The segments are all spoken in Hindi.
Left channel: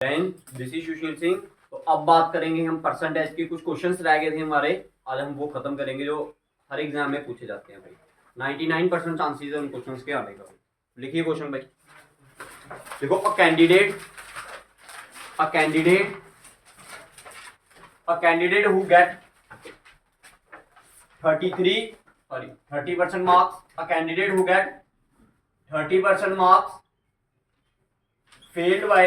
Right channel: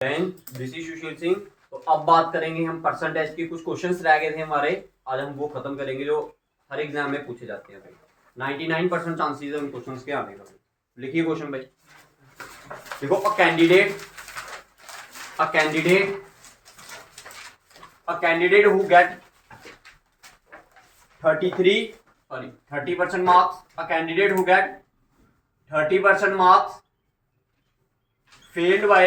Then this is Sushil Singh. तो अब बात करेंगे हम परसेंटेज के कुछ क्वेश्चंस रह गए थे हमारे, आज हम वो खत्म करेंगे जो हर एग्जाम में पूछे जाते हैं भाई। 99% चांसेस है उन क्वेश्चंस के आने का। लिखिए क्वेश्चन भाई। देखो a candidate who get 30% marks, a candidate who get 30% marks failed by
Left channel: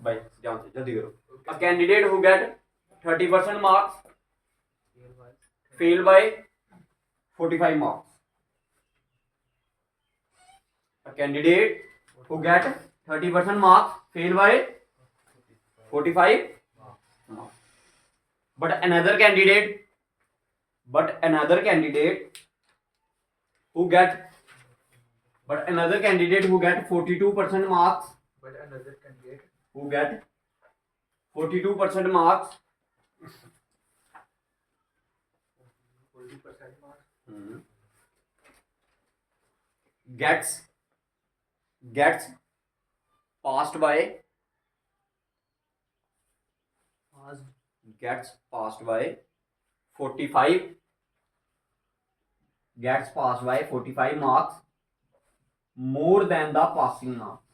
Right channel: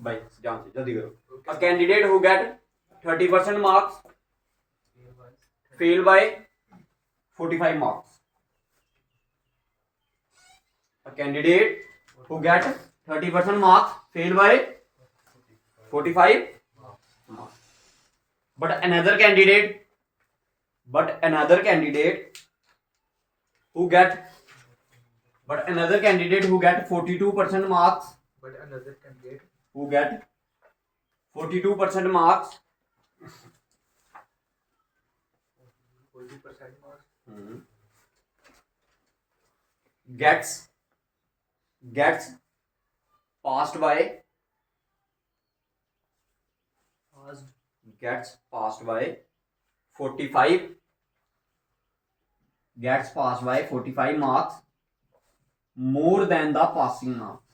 भाई ध्यान से जल्दी करो। A candidate who get 30% marks failed by 45 marks. A candidate who get 30% marks failed by 45 marks. But another candidate who get 42% marks, who get 42% marks, gets passed by 45 marks more than the passing marks।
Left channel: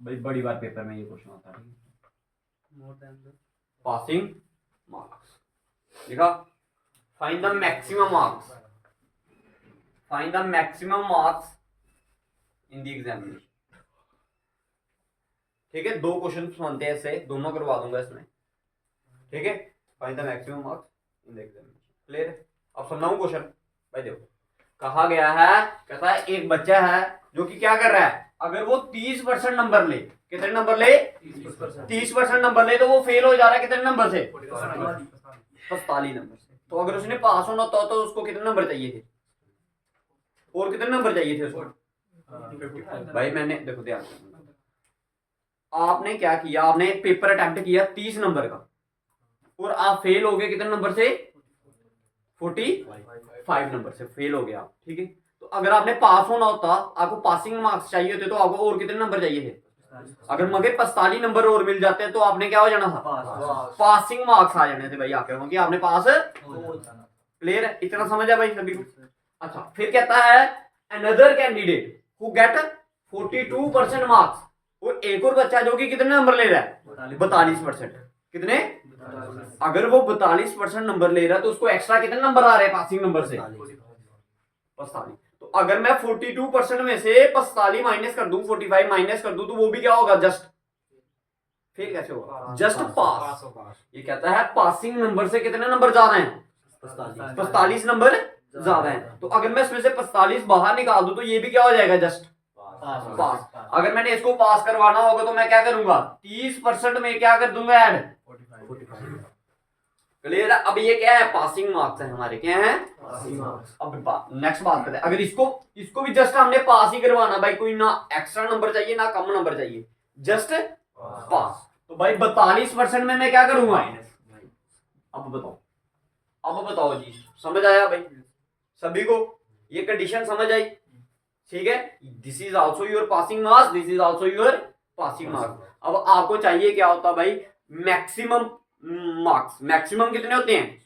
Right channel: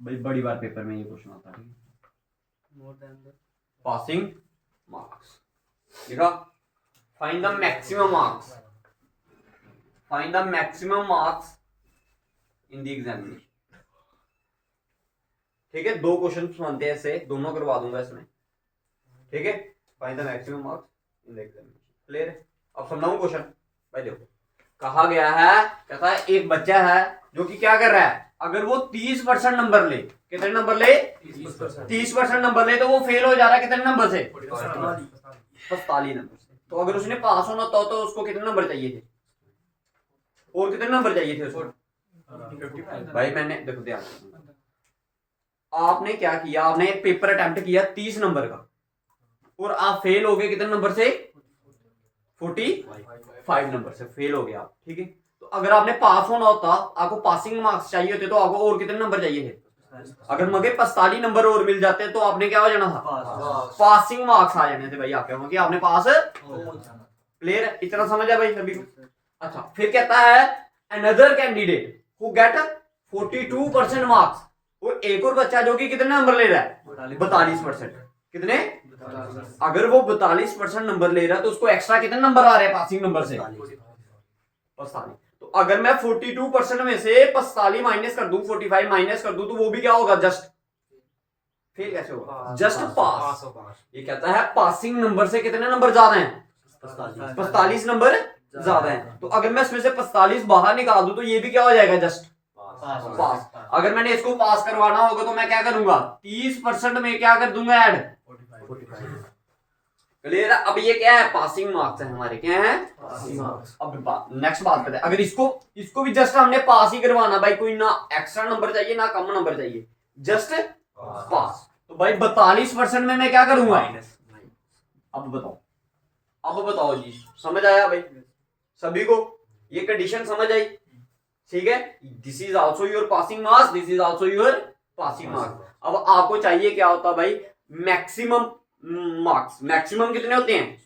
भाई बड़ी बार पेपर में ये क्वेश्चन आता है, more than the passing marks. देखो find the maximum marks in the examination. ठीक है, दो क्वेश्चन बनते हैं ऐसे, दोनों करवा दूंगा इसमें। ठीक है, find the maximum marks in the examination. Clear? अब समझाऊं क्वेश्चन। भाई देखो कहा गया है, कहता है एक बच्चा है जो कि क्या कर रहा है, अगर वो 30% नंबर ले, कितने नंबर ले, 30% नंबर ले, तो वो फेल हो जा रहा है कितने नंबर से, 45 नंबर से। तो अगर उसने पास होना था तो उसको कितने नंबर चाहिए थे, और कितने नंबर चाहिए थे उसको? भाई मैंने देखो ध्यान, आपने क्या किया, आपने पेपर अटेम्प्ट किया 30 नंबर का और आप फेल हो गए कितने नंबर से, 45 नंबर से फेल हो गए आप। ठीक है, तो अगर आपने पास होना होता, आपको पासिंग मार्क्स चाहिए होते, तो आपको और कितने नंबर चाहिए थे? अगर मगे 45 नंबर और मिल जाते तो आपने क्या हो जाना था, पासिंग मार्क्स आ जाने थे भाई आपके, क्योंकि आपने पास। क्लियर? इतना समझा भाई सभी को? अच्छा, फिर कहता है another candidate who get 42% marks, वो एक और बच्चा जो कि कितने नंबर ले रहा है, 42%। कितने? अगर वो 42% नंबर ले रहा है तो उसको एक्स्ट्रा कितने नंबर आ रहे हैं पासिंग नंबर से, 45। तो अगर मैं 42% में से 45 माइनस कर दूं, 45 माइनस कर दूं, तो वो भी क्या होगा, जस्ट फेल। कैसे होगा? जस्ट पास। ये कहता है पासिंग नंबर से कितने नंबर ज्यादा हैं, 45 नंबर ज्यादा हैं। तो अगर मैं इसमें से 45 बाहर निकाल दूं तो ये भी क्या हो जाएगा, जस्ट पास। अगर मैंने इसको पास करवाना होगा तो मैं क्या करूंगा, 30% में क्या कर दूंगा, ऐड 45। क्लियर? अब ये क्या है, पासिंग मार्क्स है हमारे, क्या है, पासिंग मार्क्स। अब नेक्स्ट बात करते हैं, अगर इसको भी जस्ट हमने पास ही करवाना भाई, कोई ना एक्स्ट्रा नंबर चाहिए ना कम नंबर चाहिए, जस्ट पास। तो भाई 42% में मैं क्या करूंगा, अब बताओ जी, समझ आया भाई सभी को? ये कंडीशन समझ आई? ठीक है, this is also your passing marks, this is also your passing marks. अब आपको चाहिए क्या होता भाई, मैक्सिमम मार्क्स। मैक्सिमम कितने होते हैं,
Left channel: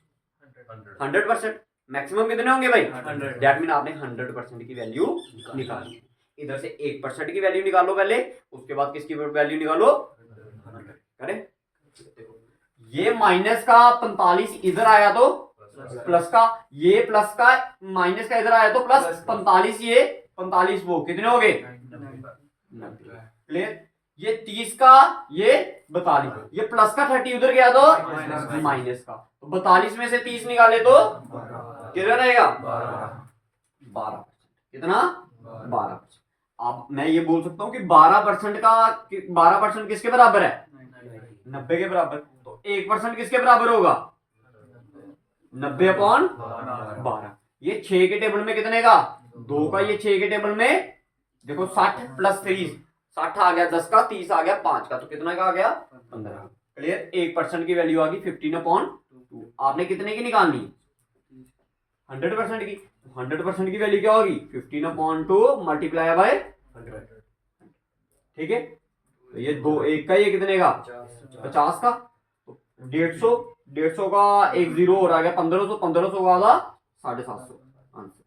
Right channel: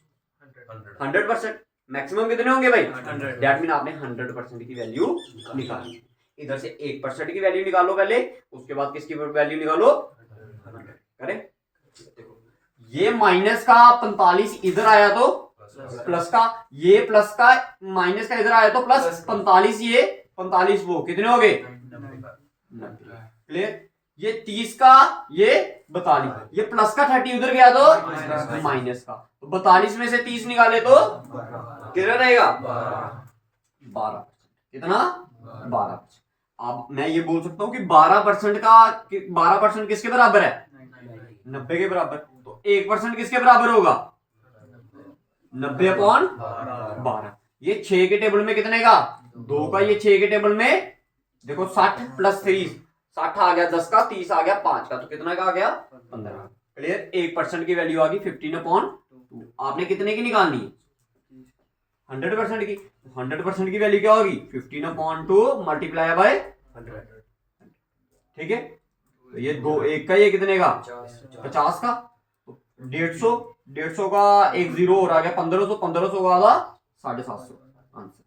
100%। मैक्सिमम कितने होंगे भाई, 100। दैट मीन आपने 100% की वैल्यू निकाली। इधर से 1% की वैल्यू निकालो पहले, उसके बाद किसकी वैल्यू निकालो, करें। ये माइनस का 45 इधर आया तो प्लस का, ये प्लस का माइनस का इधर आया तो प्लस 45, ये 45 वो कितने हो गए, 90। क्लियर? ये 30 का, ये 42, ये प्लस का 30 उधर गया तो माइनस का, तो 42 में से 30 निकाले तो कितना रहेगा, 12। कितना, 12%। अब मैं ये बोल सकता हूं कि 12% किसके बराबर है, 90 के बराबर। तो 1% किसके बराबर होगा, 90/12। ये 6 के टेबल में कितने का, 2 का। ये 6 के टेबल में देखो 60 प्लस 3, 60 आ गया 10 का, 30 आ गया 5 का, तो कितना का आ गया, 15। क्लियर? 1% की वैल्यू आ गई 15/2। आपने कितने की निकालनी है, 100% की। 100% की वैल्यू क्या होगी 15/2 मल्टीप्लाई बाय 100। ठीक है, तो ये दो एक का, ये कितने का 50 का, तो 150 का एक जीरो और आ गया 1500 का आधा 750 आंसर।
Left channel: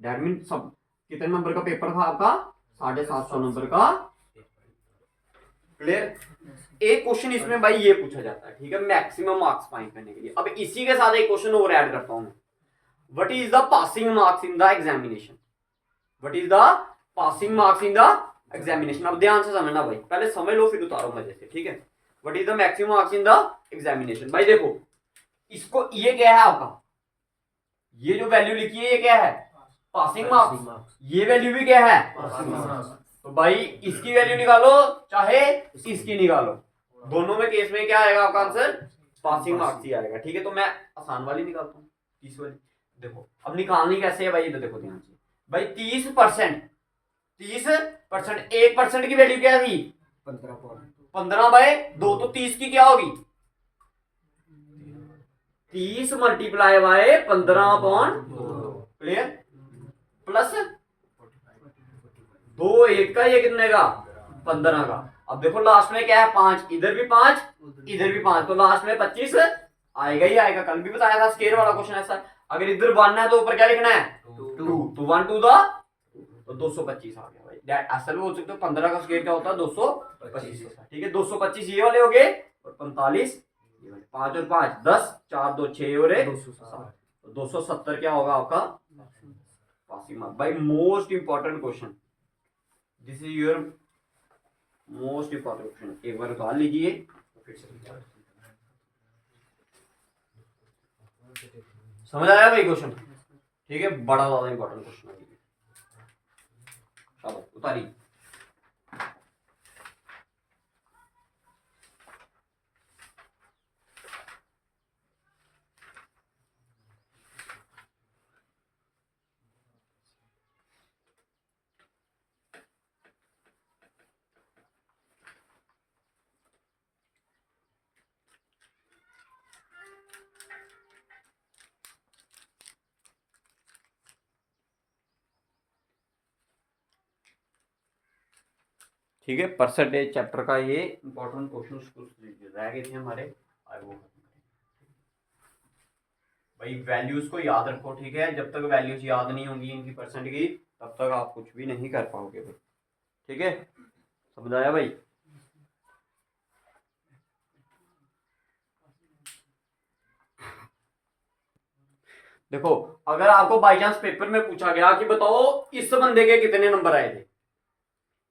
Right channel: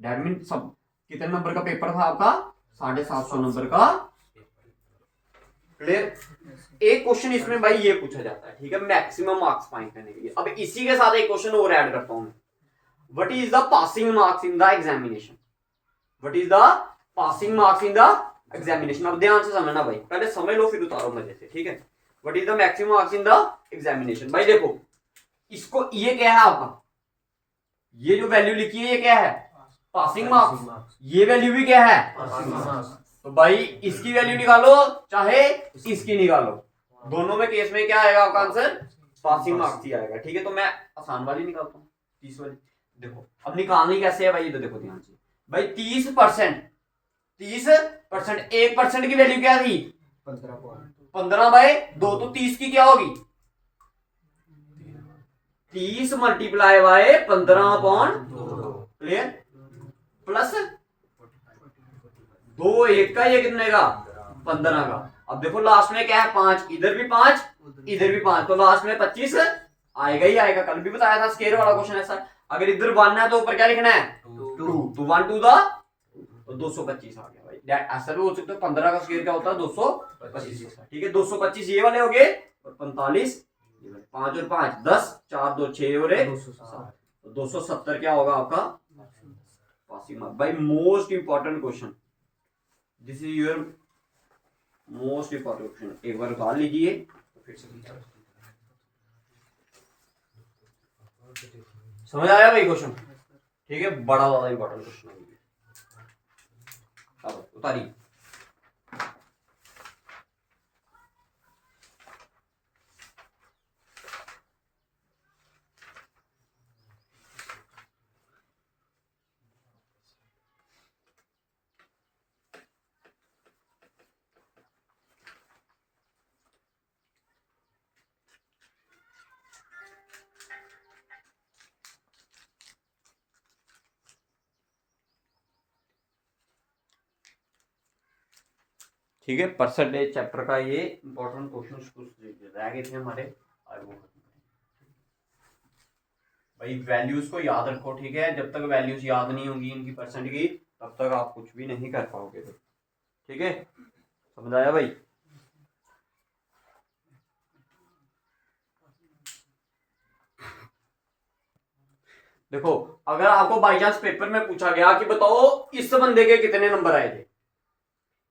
दैट मीन सब कितने नंबर का पेपर था आपका 750 नंबर का। क्लियर। एक क्वेश्चन इसमें भाई ये पूछा जाता है, ठीक है, मैक्सिमम मार्क्स फाइंड करने के लिए। अब इसी के साथ एक क्वेश्चन और ऐड करता हूं मैं, what is the passing marks in the examination, what is the passing marks in the examination. अब ध्यान से समझना भाई, पहले समझ लो फिर उतारो मजे से, ठीक है। What is the maximum marks in the examination. भाई देखो इसको, ये क्या है आपका, ये जो वैल्यू लिखी है ये क्या है पासिंग मार्क्स, ये वैल्यू भी क्या है पासिंग मार्क्स। तो भाई इसकी वैल्यू निकालो चाहे इसकी निकालो, दोनों में केस में क्या आएगा आपका आंसर पासिंग मार्क्स ही आएगा। ठीक है, तो मैं आसान वाली निकालता हूँ 30 वाली। देखो अब निकालनी कैसे है भाई, तो देखो ध्यान से भाई 30%, 30% 1% की वैल्यू क्या थी 15/2, तो 30 की क्या होगी 30 मल्टीप्लाई बाय 15/2। क्लियर, प्लस 2 1 का, ये कितने का 15 का। अब देखो लास्ट में क्या है 5, इधर भी 5 इधर भी 5, तो लास्ट में 25 आएगा ही आएगा। कल भी बताया था स्केयर वाला क्वेश्चन ऐसा, अगर इधर 1 है तो ऊपर क्या लिखना है 2, तो 1 2 दा तो 225 आ गया भाई। ऐसा भी हो सकता है 15 का स्केयर क्या होता है 225 होता है। ठीक है, 225 ये वाले हो गए और 45 ये वाले, 5 और 5 10, 4 2 6 और 1 तो 270 क्या होगा आपका पासिंग मार्क्स। भाई most important question, this is your most important question, एक बार निकाल लीजिए तो फिर से समझ आया भाई क्वेश्चन। ठीक है, बड़ा ज्यादा इंपॉर्टेंट क्वेश्चन है। अब उतारिए। ठीक है, परसेंटेज चैप्टर का ये इंपॉर्टेंट क्वेश्चन कुछ रह गए थे हमारे, और वो भाई वैल्यूज को याद रखो। ठीक है, जब तक वैल्यूज याद नहीं होंगी इनकी परसेंट की तब तक आप कुछ भी नहीं कर पाओगे भाई। ठीक है, समझ आया भाई। देखो अगर आपको बाई चांस पेपर में पूछा गया कि बताओ इस बंदे के कितने नंबर आए थे,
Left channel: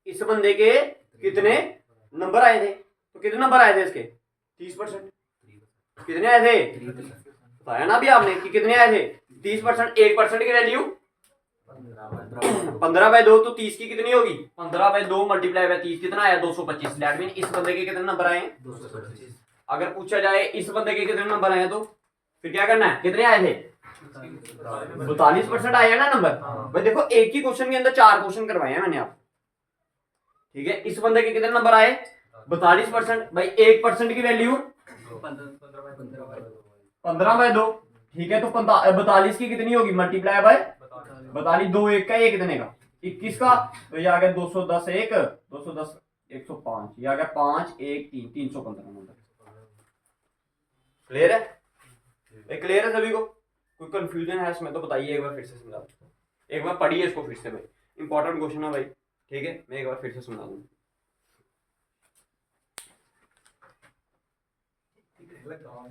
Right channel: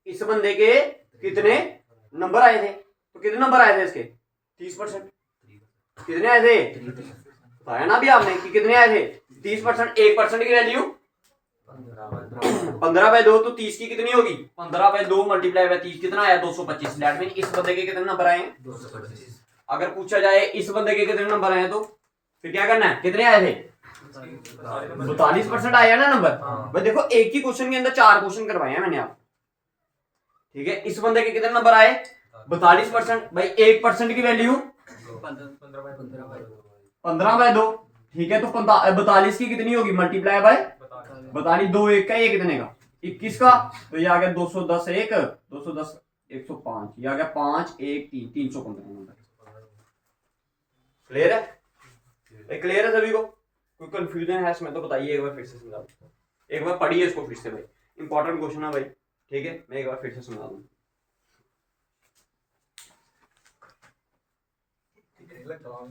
इस बंदे के कितने नंबर आए थे, तो कितने नंबर आए थे इसके 30%, कितने आए थे बताया ना अभी आपने कि कितने आए थे 30%। 1% की वैल्यू 15/2, तो 30 की कितनी होगी 15/2 मल्टीप्लाई बाय 30 कितना आया 225। दैट मीन इस बंदे के कितने नंबर आए 225। अगर पूछा जाए इस बंदे के कितने नंबर आए तो फिर क्या करना है, कितने आए थे 42% आया ना नंबर। भाई देखो एक ही क्वेश्चन के अंदर 4 क्वेश्चन करवाए हैं मैंने आप। ठीक है, इस बंदे के कितने नंबर आए 42%। भाई 1% की वैल्यू 15/2। ठीक है, तो 42 की कितनी होगी मल्टीप्लाई बाय 42, 2 1 का, ये कितने का 21 का, तो ये आ गया 210 1 210 105, ये आ गया 5 1 3 315 नंबर। क्लियर है, क्लियर है सभी को, कोई कंफ्यूजन है इसमें तो बताइए, एक बार फिर से समझा दो, एक बार पढ़िए इसको फिर से भाई, इंपॉर्टेंट क्वेश्चन है भाई। ठीक है, मैं एक बार फिर से समझा दूं।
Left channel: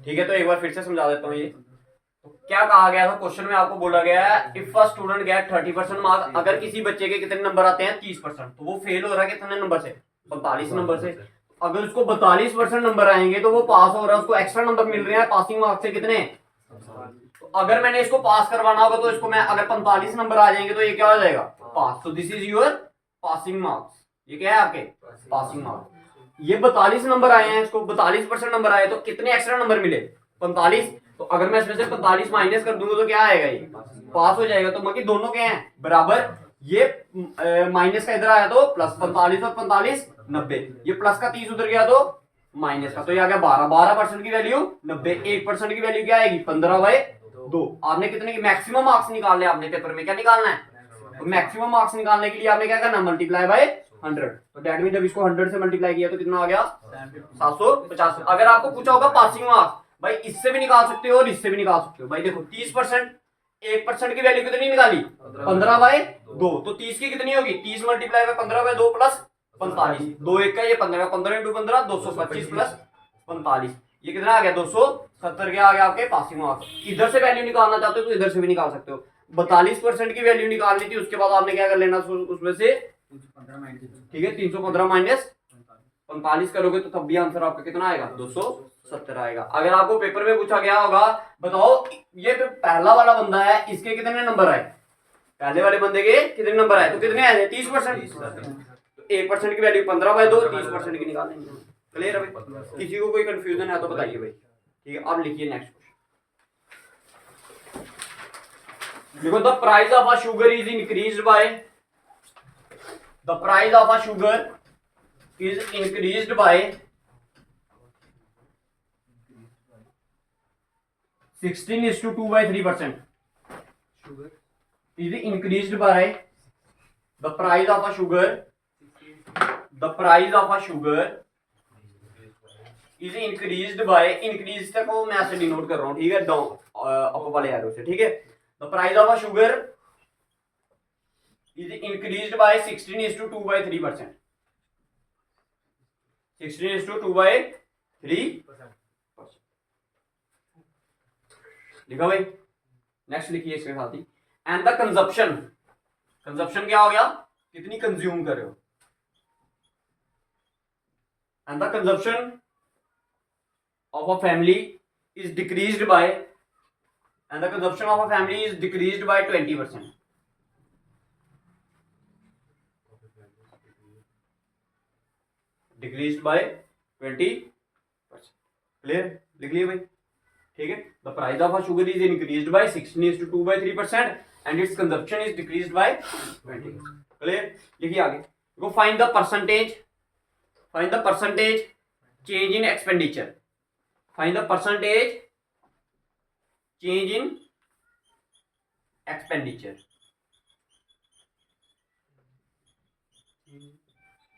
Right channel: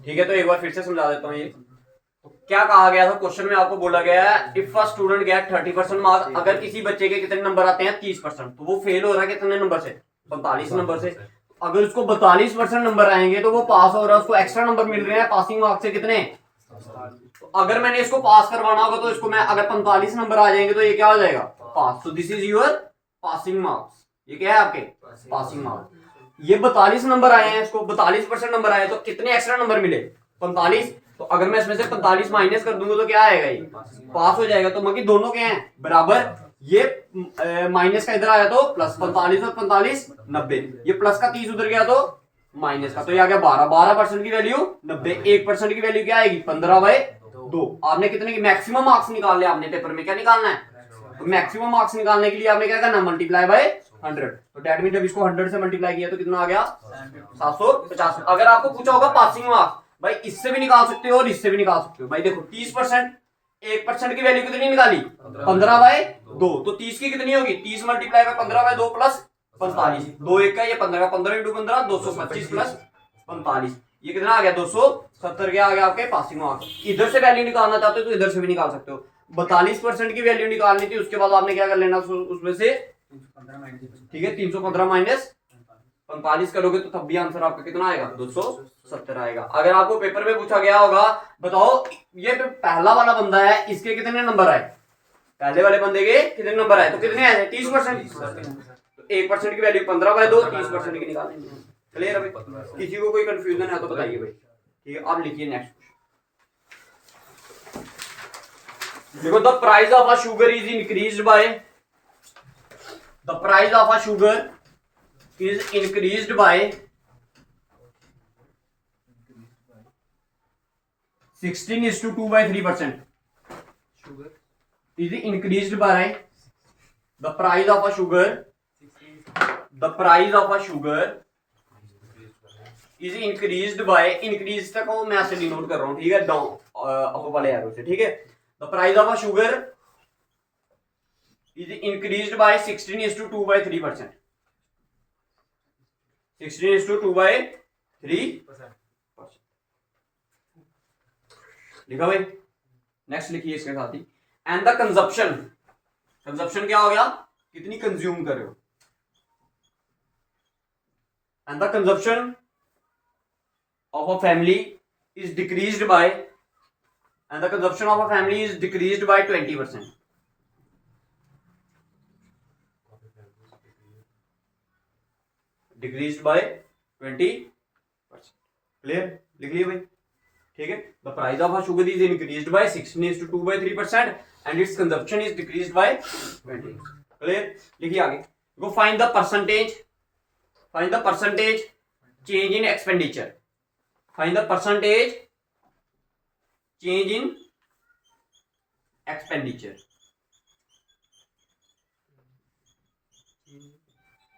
ठीक है, तो एक बार फिर से समझा देता हूँ। ये तो क्या कहा गया था क्वेश्चन में, आपको बोला गया है if a student gate 30% marks, अगर किसी बच्चे के कितने नंबर आते हैं 30%, तो वो फेल हो रहा है कितने नंबर से 45 नंबर से। अगर उसको 42% नंबर आएंगे तो वो पास हो रहा है, उसको एक्स्ट्रा नंबर मिल रहे हैं पासिंग मार्क्स से कितने। तो अगर मैंने इसको पास करवाना होगा तो इसको मैं अगर 45 नंबर आ जाएंगे तो ये क्या हो जाएगा पास। तो this is your passing marks, ये क्या है आपके पासिंग मार्क्स। ये 42 नंबर आए हैं, इसको 42% नंबर आए, तो कितने एक्स्ट्रा नंबर मिले 45। तो अगर मैं इसमें से 45 माइनस कर दूंगा तो क्या आएगा ये पास हो जाएगा। तो मतलब दोनों क्या हैं बराबर, ये माइनस का इधर आया तो प्लस 45 और 45 90, ये प्लस का 30 उधर गया तो माइनस का, तो ये आ गया 12% की वैल्यू 90। 1% की वैल्यू क्या आएगी 15/2, 2। आपने कितने की मैक्सिमम मार्क्स निकालने, आपने पेपर में क्या निकालना है, तो मैक्सिमम मार्क्स निकालने के लिए आपने क्या करना, मल्टीप्लाई बाय 100। तो दैट मीन जब इसको 100 से मल्टीप्लाई किया तो कितना आ गया 750। अगर आपको पूछा होगा पासिंग मार्क्स, भाई इससे भी निकाल सकते हो और इससे भी निकाल सकते हो। भाई देखो 30%, 1% की वैल्यू कितनी निकाली 15/2, तो 30 की कितनी होगी 30 मल्टीप्लाई बाय 15/2 प्लस 45, 2 1 का ये 15 15 × 15 225 प्लस 45, ये कितना आ गया 270 क्या आ गया आपके पासिंग मार्क्स। इधर से वैल्यू निकालना चाहते हो तो इधर से भी निकाल सकते हो। 42% की वैल्यू निकालनी थी, उसके बाद आपने क्या कर लेना उसमें से, ठीक है 315 माइनस 45 करोगे तो तब भी आंसर आपका कितना आएगा 270 आएगा। अगर आपको पेपर में पूछा गया होगा बताओ ये पहला वाला बंदा है, इसके कितने नंबर आए, पहले वाले बंदे के कितने नंबर आए, तो कितने आए 30%, तो 1% की वैल्यू 15/2, 30% की निकालेंगे। क्लियर है भाई, किसी को कोई कंफ्यूजन है तो बताइए भाई। ठीक है, अब लिखिए नेक्स्ट। देखो the price of a sugar is increased by, the price of a sugar is increased by 16:2/3%. Sugar is increased by the price of a sugar. The price of a sugar is increased by, increase तक को मैं ऐसे डिनोट कर रहा हूँ, ठीक है, डाउन अप वाले एरो से, ठीक है। The price of a sugar is increased by 16:2/3%. 16:2/3%। लिखा भाई, नेक्स्ट लिखिए इसके साथ ही। एंड द कंजप्शन, कंजप्शन क्या हो गया, कितनी कंज्यूम कर रहे हो। And the consumption of a family is decreased bye, and the consumption of a family is decreased bye 20%। Decreased bye 20%। Clear, लिख लिए भाई, ठीक है। The price of a sugar is increased by 16:2/3% and it's consumption is decreased bye 20%। Clear, लिखिए आगे। Go find the percentage, find the percentage change in expenditure, find the percentage change in expenditure,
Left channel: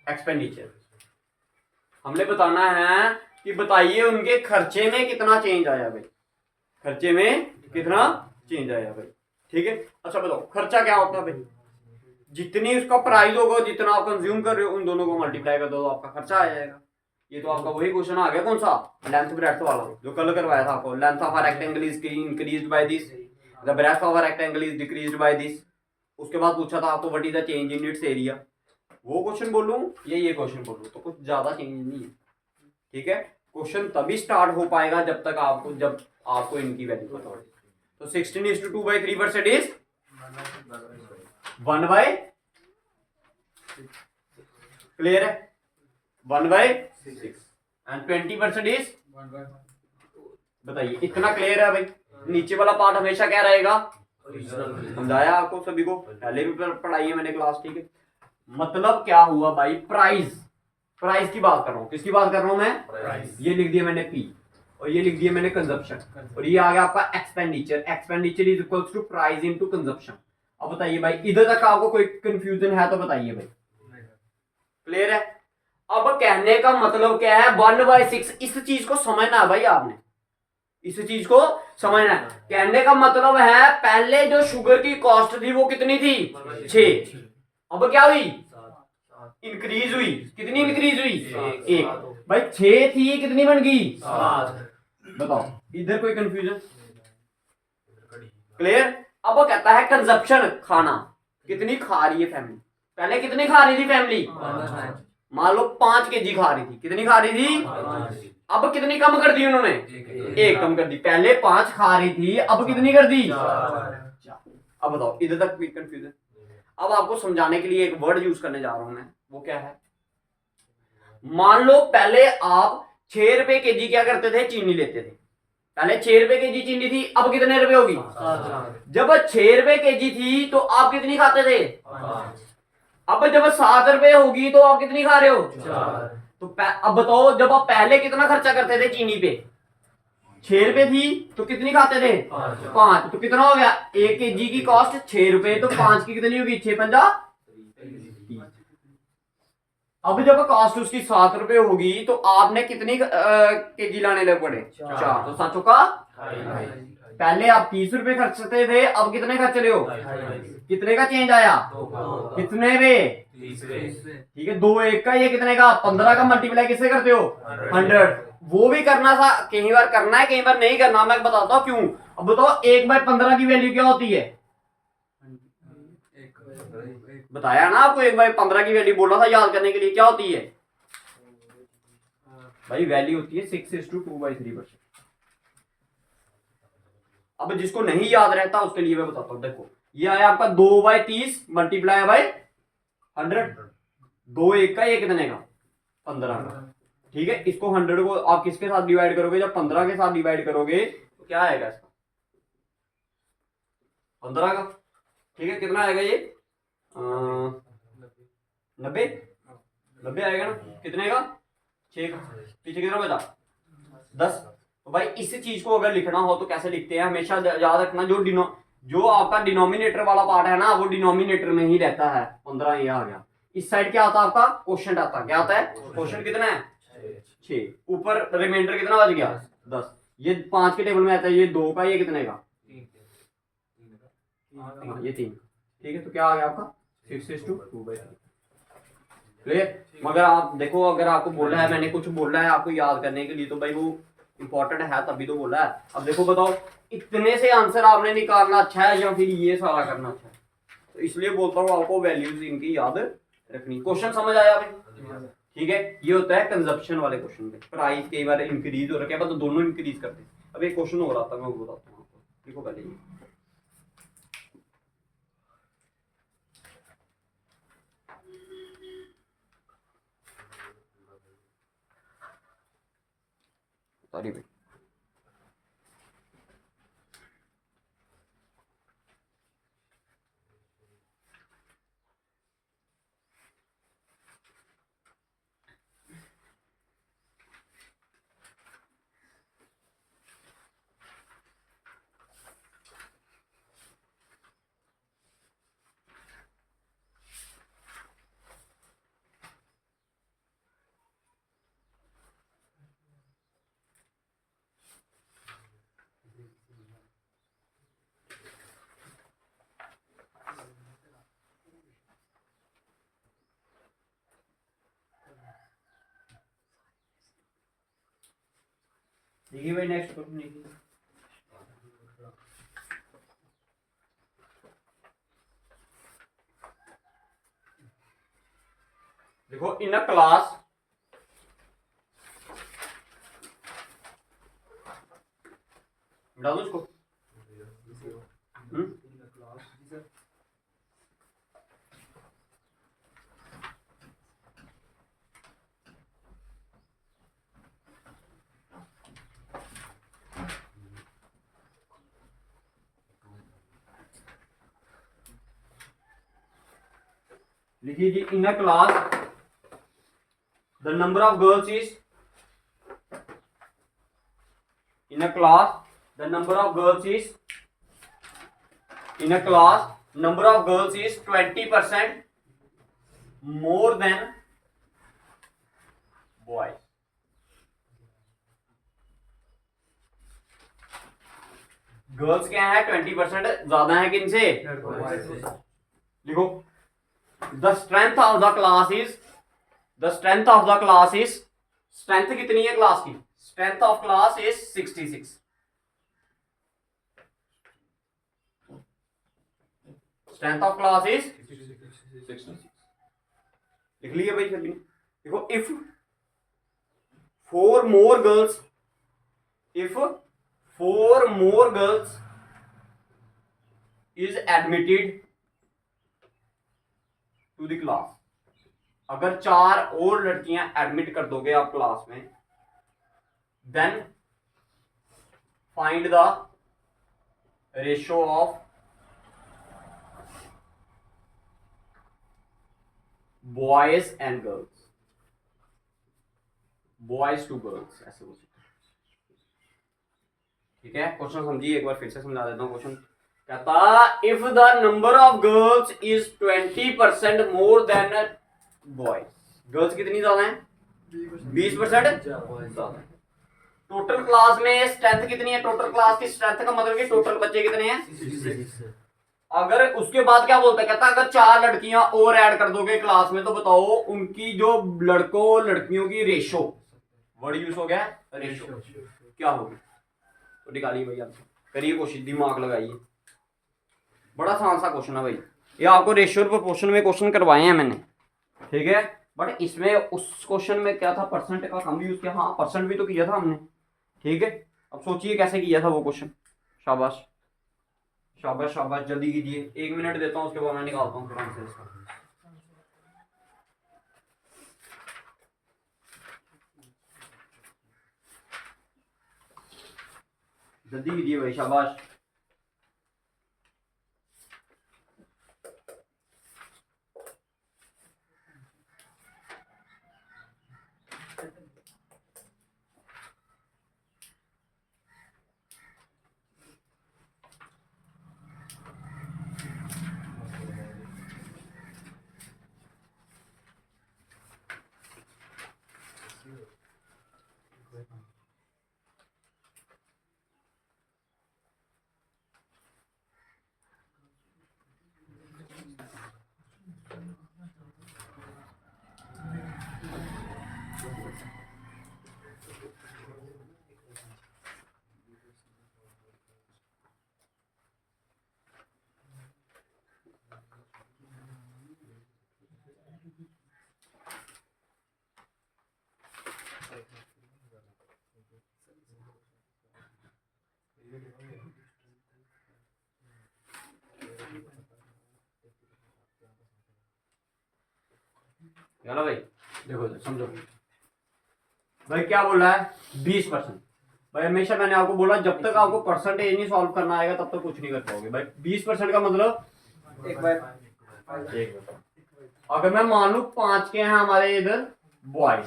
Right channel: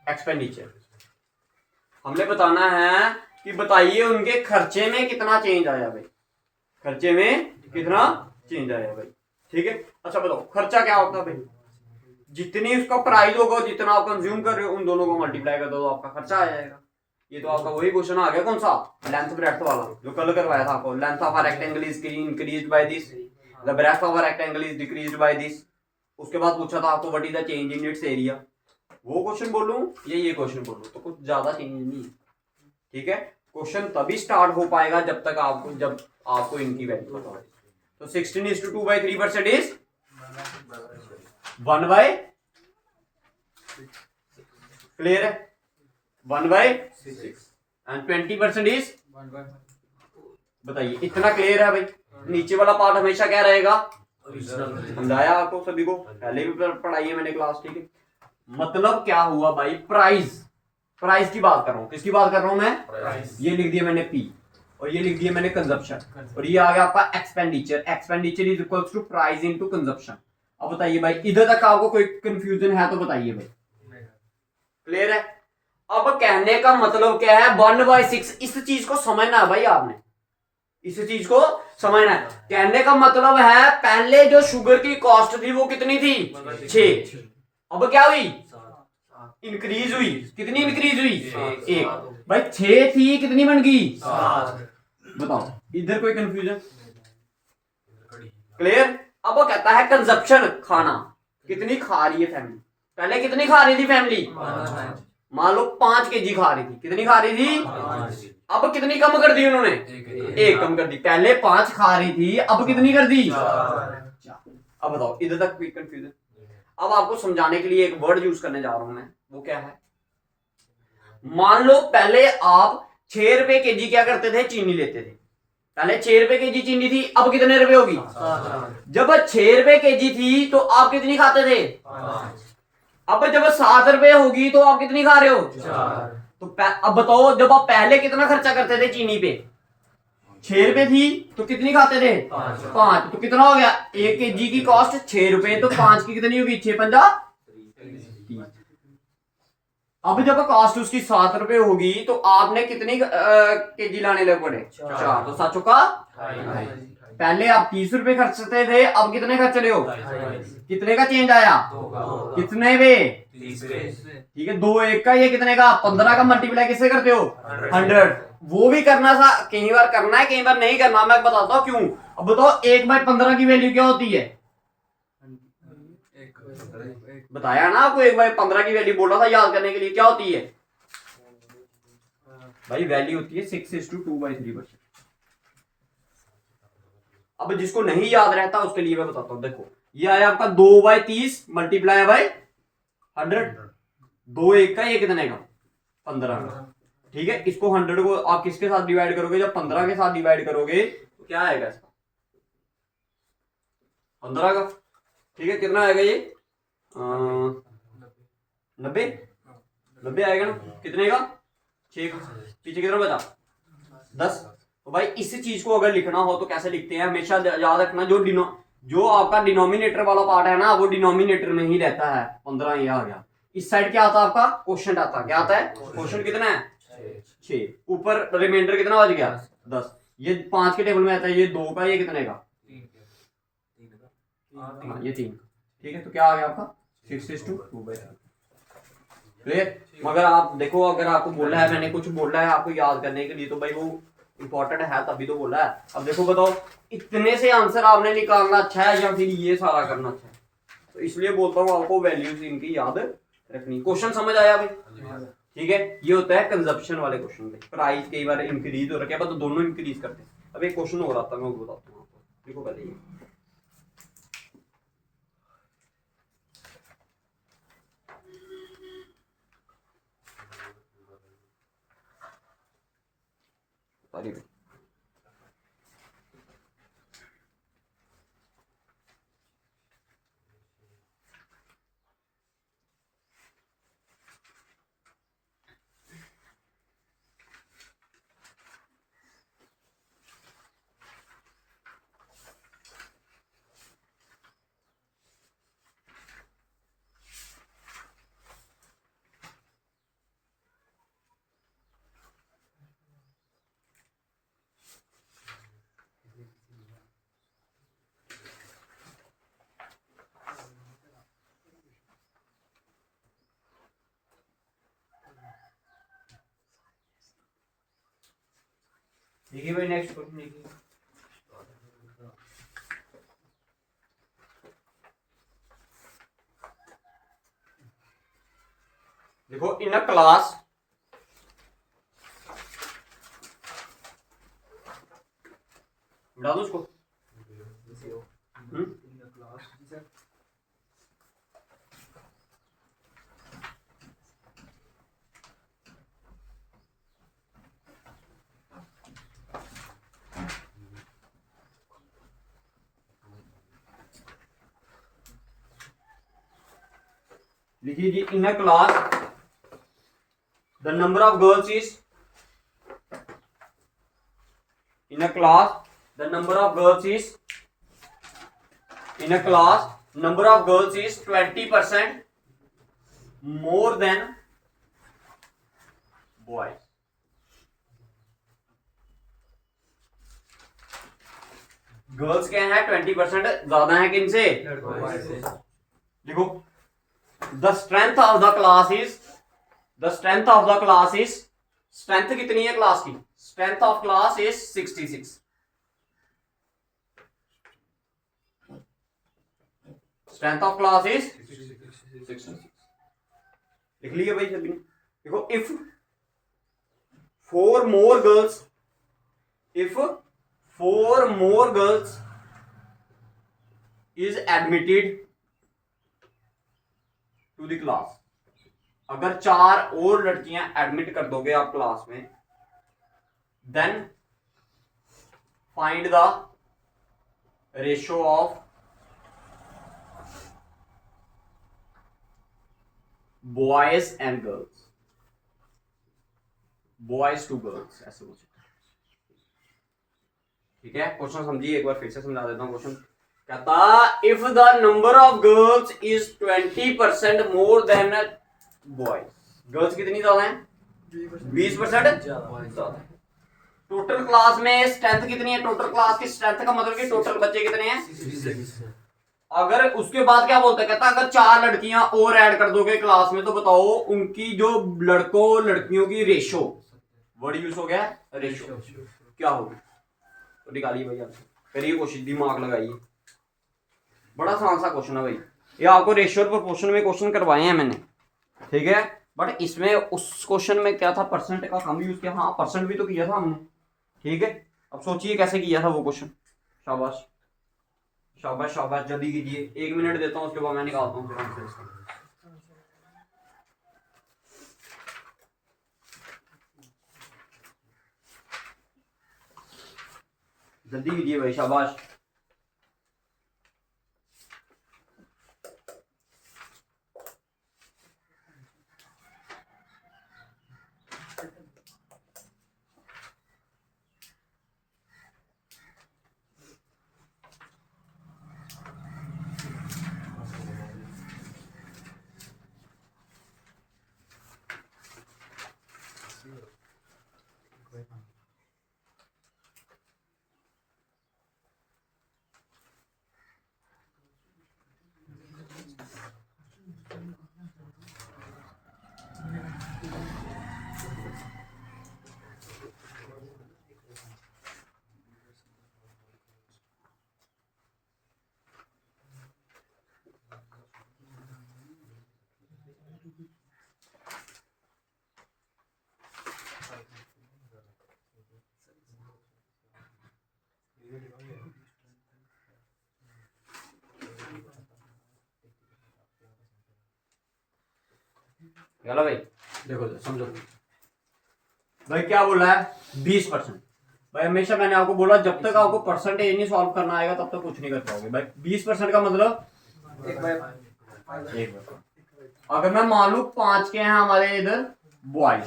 expenditure हमने बताना है कि बताइए उनके खर्चे में कितना चेंज आया भाई, खर्चे में कितना चेंज आया भाई, ठीक है। अच्छा बताओ खर्चा क्या होता है भाई, जितनी उसका प्राइस होगा जितना आप कंज्यूम कर रहे हो उन दोनों को मल्टीप्लाई कर दो तो आपका खर्चा आ जाएगा। ये तो आपका वही क्वेश्चन आ गया, कौन सा, लेंथ ब्रेड्थ वाला जो कल करवाया था आपको। Length of a rectangle is increased by this, the breadth of a rectangle is decreased by this. उसके बाद पूछा था आपको what is the change in its area, वो क्वेश्चन बोलूं या ये क्वेश्चन बोलूं, तो कुछ ज्यादा चेंज नहीं है, ठीक है। क्वेश्चन तभी स्टार्ट हो पाएगा जब तक आपको, जब आपको इनकी वैल्यू पता हो। तो 16:2/3% इज 1/6। क्लियर है, 1/6 एंड 20% इज, बताइए इतना क्लियर है भाई। नीचे वाला पार्ट हमेशा क्या रहेगा, समझाया आपको सभी को, पहले भी पढ़ाई है मैंने क्लास, ठीक है। मतलब क्या हुआ भाई, प्राइस, प्राइस की बात कर रहा हूं, किसकी बात कर रहा हूं मैं, प्राइस। ये लिख दिया मैंने पी और ये लिख दिया मैंने कंजप्शन, और ये आ गया आपका expenditure. Expenditure is equals to price into consumption. अब बताइए भाई इधर तक आपको कोई कंफ्यूजन है तो बताइए भाई, क्लियर है। अब कहने का मतलब क्या है, 1/6, इस चीज को समझना है भाई आपने, इस चीज को समझना है। कहने का मतलब है पहले जो शुगर की कॉस्ट थी वो कितनी थी 6, अब क्या हुई इंक्रीज हुई, कितनी इंक्रीज हुई 1। भाई 6 थी कितनी बन गई 7। बताओ इधर कोई कंफ्यूजन, क्लियर। अब वो कहता है कंजप्शन, खाना कितनी खा रही है फैमिली, पहले कितनी खा रही थी फैमिली, मान लो 5 kg खा रही थी, कितनी खा रही थी, अब कितनी कम कर दी उन्होंने, 1 कम कर दी। पहले 5 खा रही थी अब कितनी कर दी 4। अब बताओ इधर तक कोई कंफ्यूजन। अब आपको समझाने के लिए एक वर्ड यूज करने जा रहा हूं मैं, वो क्या है, मान लो पहले आप 6 रुपए केजी क्या करते थे, चीनी लेते थे। पहले 6 रुपए केजी चीनी थी, अब कितने रुपए होगी, जब 6 रुपए केजी थी तो आप कितनी खाते थे 5। अब जब 7 रुपए होगी तो आप कितनी खा रहे हो 4। तो अब बताओ जब आप पहले कितना खर्चा करते थे चीनी पे ₹6 थी तो कितनी खाते थे? 5। तो कितना हो गया? 1 kg की कॉस्ट ₹6 तो 5 की कितनी होगी? 6 पंजा 30। अब जब कॉस्ट उसकी ₹7 होगी तो आपने कितनी केजी लाने लगे पड़े? 4। तो 7 का पहले आप ₹30 खर्चते थे, अब कितने खर्च रहे हो? कितने का चेंज आया? कितने पे? ठीक है, 2 1 का, ये कितने का? 15 का मल्टीप्लाई किससे करते हो? 100। वो भी करना था, कई बार करना है कई बार नहीं करना, मैं बताता हूँ क्यों। अब बताओ 1/15 की वैल्यू क्या होती है? बताया ना आपको, 1/15 की वैल्यू बोला था याद करने के लिए, क्या होती है भाई? वैल्यू होती है 6:2/3%। अब जिसको नहीं याद रहता उसके लिए मैं बताता हूं। देखो ये आया आपका 2/30 मल्टीप्लाई बाय 100। 2 1 का, ये कितने का? 15 का। ठीक है, इसको 100 को आप किसके साथ डिवाइड करोगे? जब 15 के साथ डिवाइड करोगे तो क्या आएगा इसका? 15 का। ठीक है, कितना आएगा ये? 90 आएगा ना? कितने का? 6 का। पीछे कितना बचा? 10। तो भाई इस चीज को अगर लिखना हो तो कैसे लिखते हैं? हमेशा याद रखना, जो आपका डिनोमिनेटर वाला पार्ट है ना, वो डिनोमिनेटर में ही रहता है। 15 ये आ गया। इस साइड क्या आता है आपका? क्वोशंट आता है। क्या आता है? क्वोशंट कितना है? 6। ऊपर रिमाइंडर कितना बच गया? 10। ये 5 के टेबल में आता है, ये 2 का, ये कितने का? हाँ, ये 3। ठीक है, तो क्या आ गया आपका? 6:2/3। क्लियर? मगर आप देखो, अगर आपको बोला है, मैंने कुछ बोला है आपको याद करने के लिए, तो भाई वो इंपॉर्टेंट है तभी तो बोला है। अब देखो बताओ, इतने से आंसर आपने निकालना अच्छा है या फिर ये सारा करना अच्छा है? तो इसलिए बोलता हूँ आपको वैल्यूज इनकी याद रखनी। क्वेश्चन समझ आया अभी? ठीक है, ये होता है कंजप्शन वाले क्वेश्चन पे। प्राइस कई बार इंक्रीज हो रखा है, तो दोनों इंक्रीज करते हैं। अब एक क्वेश्चन हो रहा था, मैं बताता हूँ आपको। देखो पहले ये सॉरी भाई, देखिए भाई, नेक्स्ट क्वेश्चन देखिए। देखो, इन अ क्लास, डालो उसको। लिखिए जी, in a class the number of girls is, in a class the number of girls is, in a class number of girls is 20% more than boys. Girls क्या है? 20% ज्यादा है किनसे? देखो, the strength of the class is, the strength of the class is, strength कितनी है क्लास की? Strength of class is 66। Strength of class is 66। लिख लिया भाई सभी ने? देखो, if 4 more girls, if 4 more girls is admitted to the class, अगर 4 और लड़कियां एडमिट कर दोगे आप क्लास में, then find the ratio of boys and girls, boys to girls, ऐसे बोल सकते हैं। ठीक है, क्वेश्चन समझिए, एक बार फिर से समझा देता हूँ। क्वेश्चन क्या था, if the number of girls is 20% more than boys, girls कितनी ज्यादा है? 20% ज्यादा है। टोटल क्लास में स्ट्रेंथ कितनी है? टोटल क्लास की स्ट्रेंथ का मतलब कि टोटल बच्चे कितने हैं? अगर उसके बाद क्या बोलता है, कहता अगर 4 लड़कियां और ऐड कर दोगे क्लास में तो बताओ उनकी जो लड़कों लड़कियों की रेशो, वर्ड यूज हो गया रेशो, क्या होगी? तो निकालिए भाई, आप करिए कोशिश, दिमाग लगाइए। बड़ा आसान सा क्वेश्चन है भाई, ये आपको रेशियो और प्रोपोर्शन में क्वेश्चन करवाए हैं मैंने, ठीक है। बट इसमें उस क्वेश्चन में क्या था, परसेंट का कम यूज किया। हाँ, परसेंट भी तो किया था हमने, ठीक है। अब सोचिए कैसे किया था वो क्वेश्चन। शाबाश शाबाश शाबाश, जल्दी कीजिए, 1 मिनट देता हूँ, उसके बाद मैं निकालता हूँ आंसर इसका। जल्दी कीजिए भाई, शाबाश। चलो भाई, देखो समझो भाई, क्या बोला है 20%। भाई हमेशा मैंने आपको बोला जब तक आपको परसेंटेज नहीं सॉल्व करना आएगा तब तक कुछ नहीं कर पाओगे भाई। 20% का मतलब 1/5। अगर मैं मान लू 5 के हैं हमारे इधर बॉयज,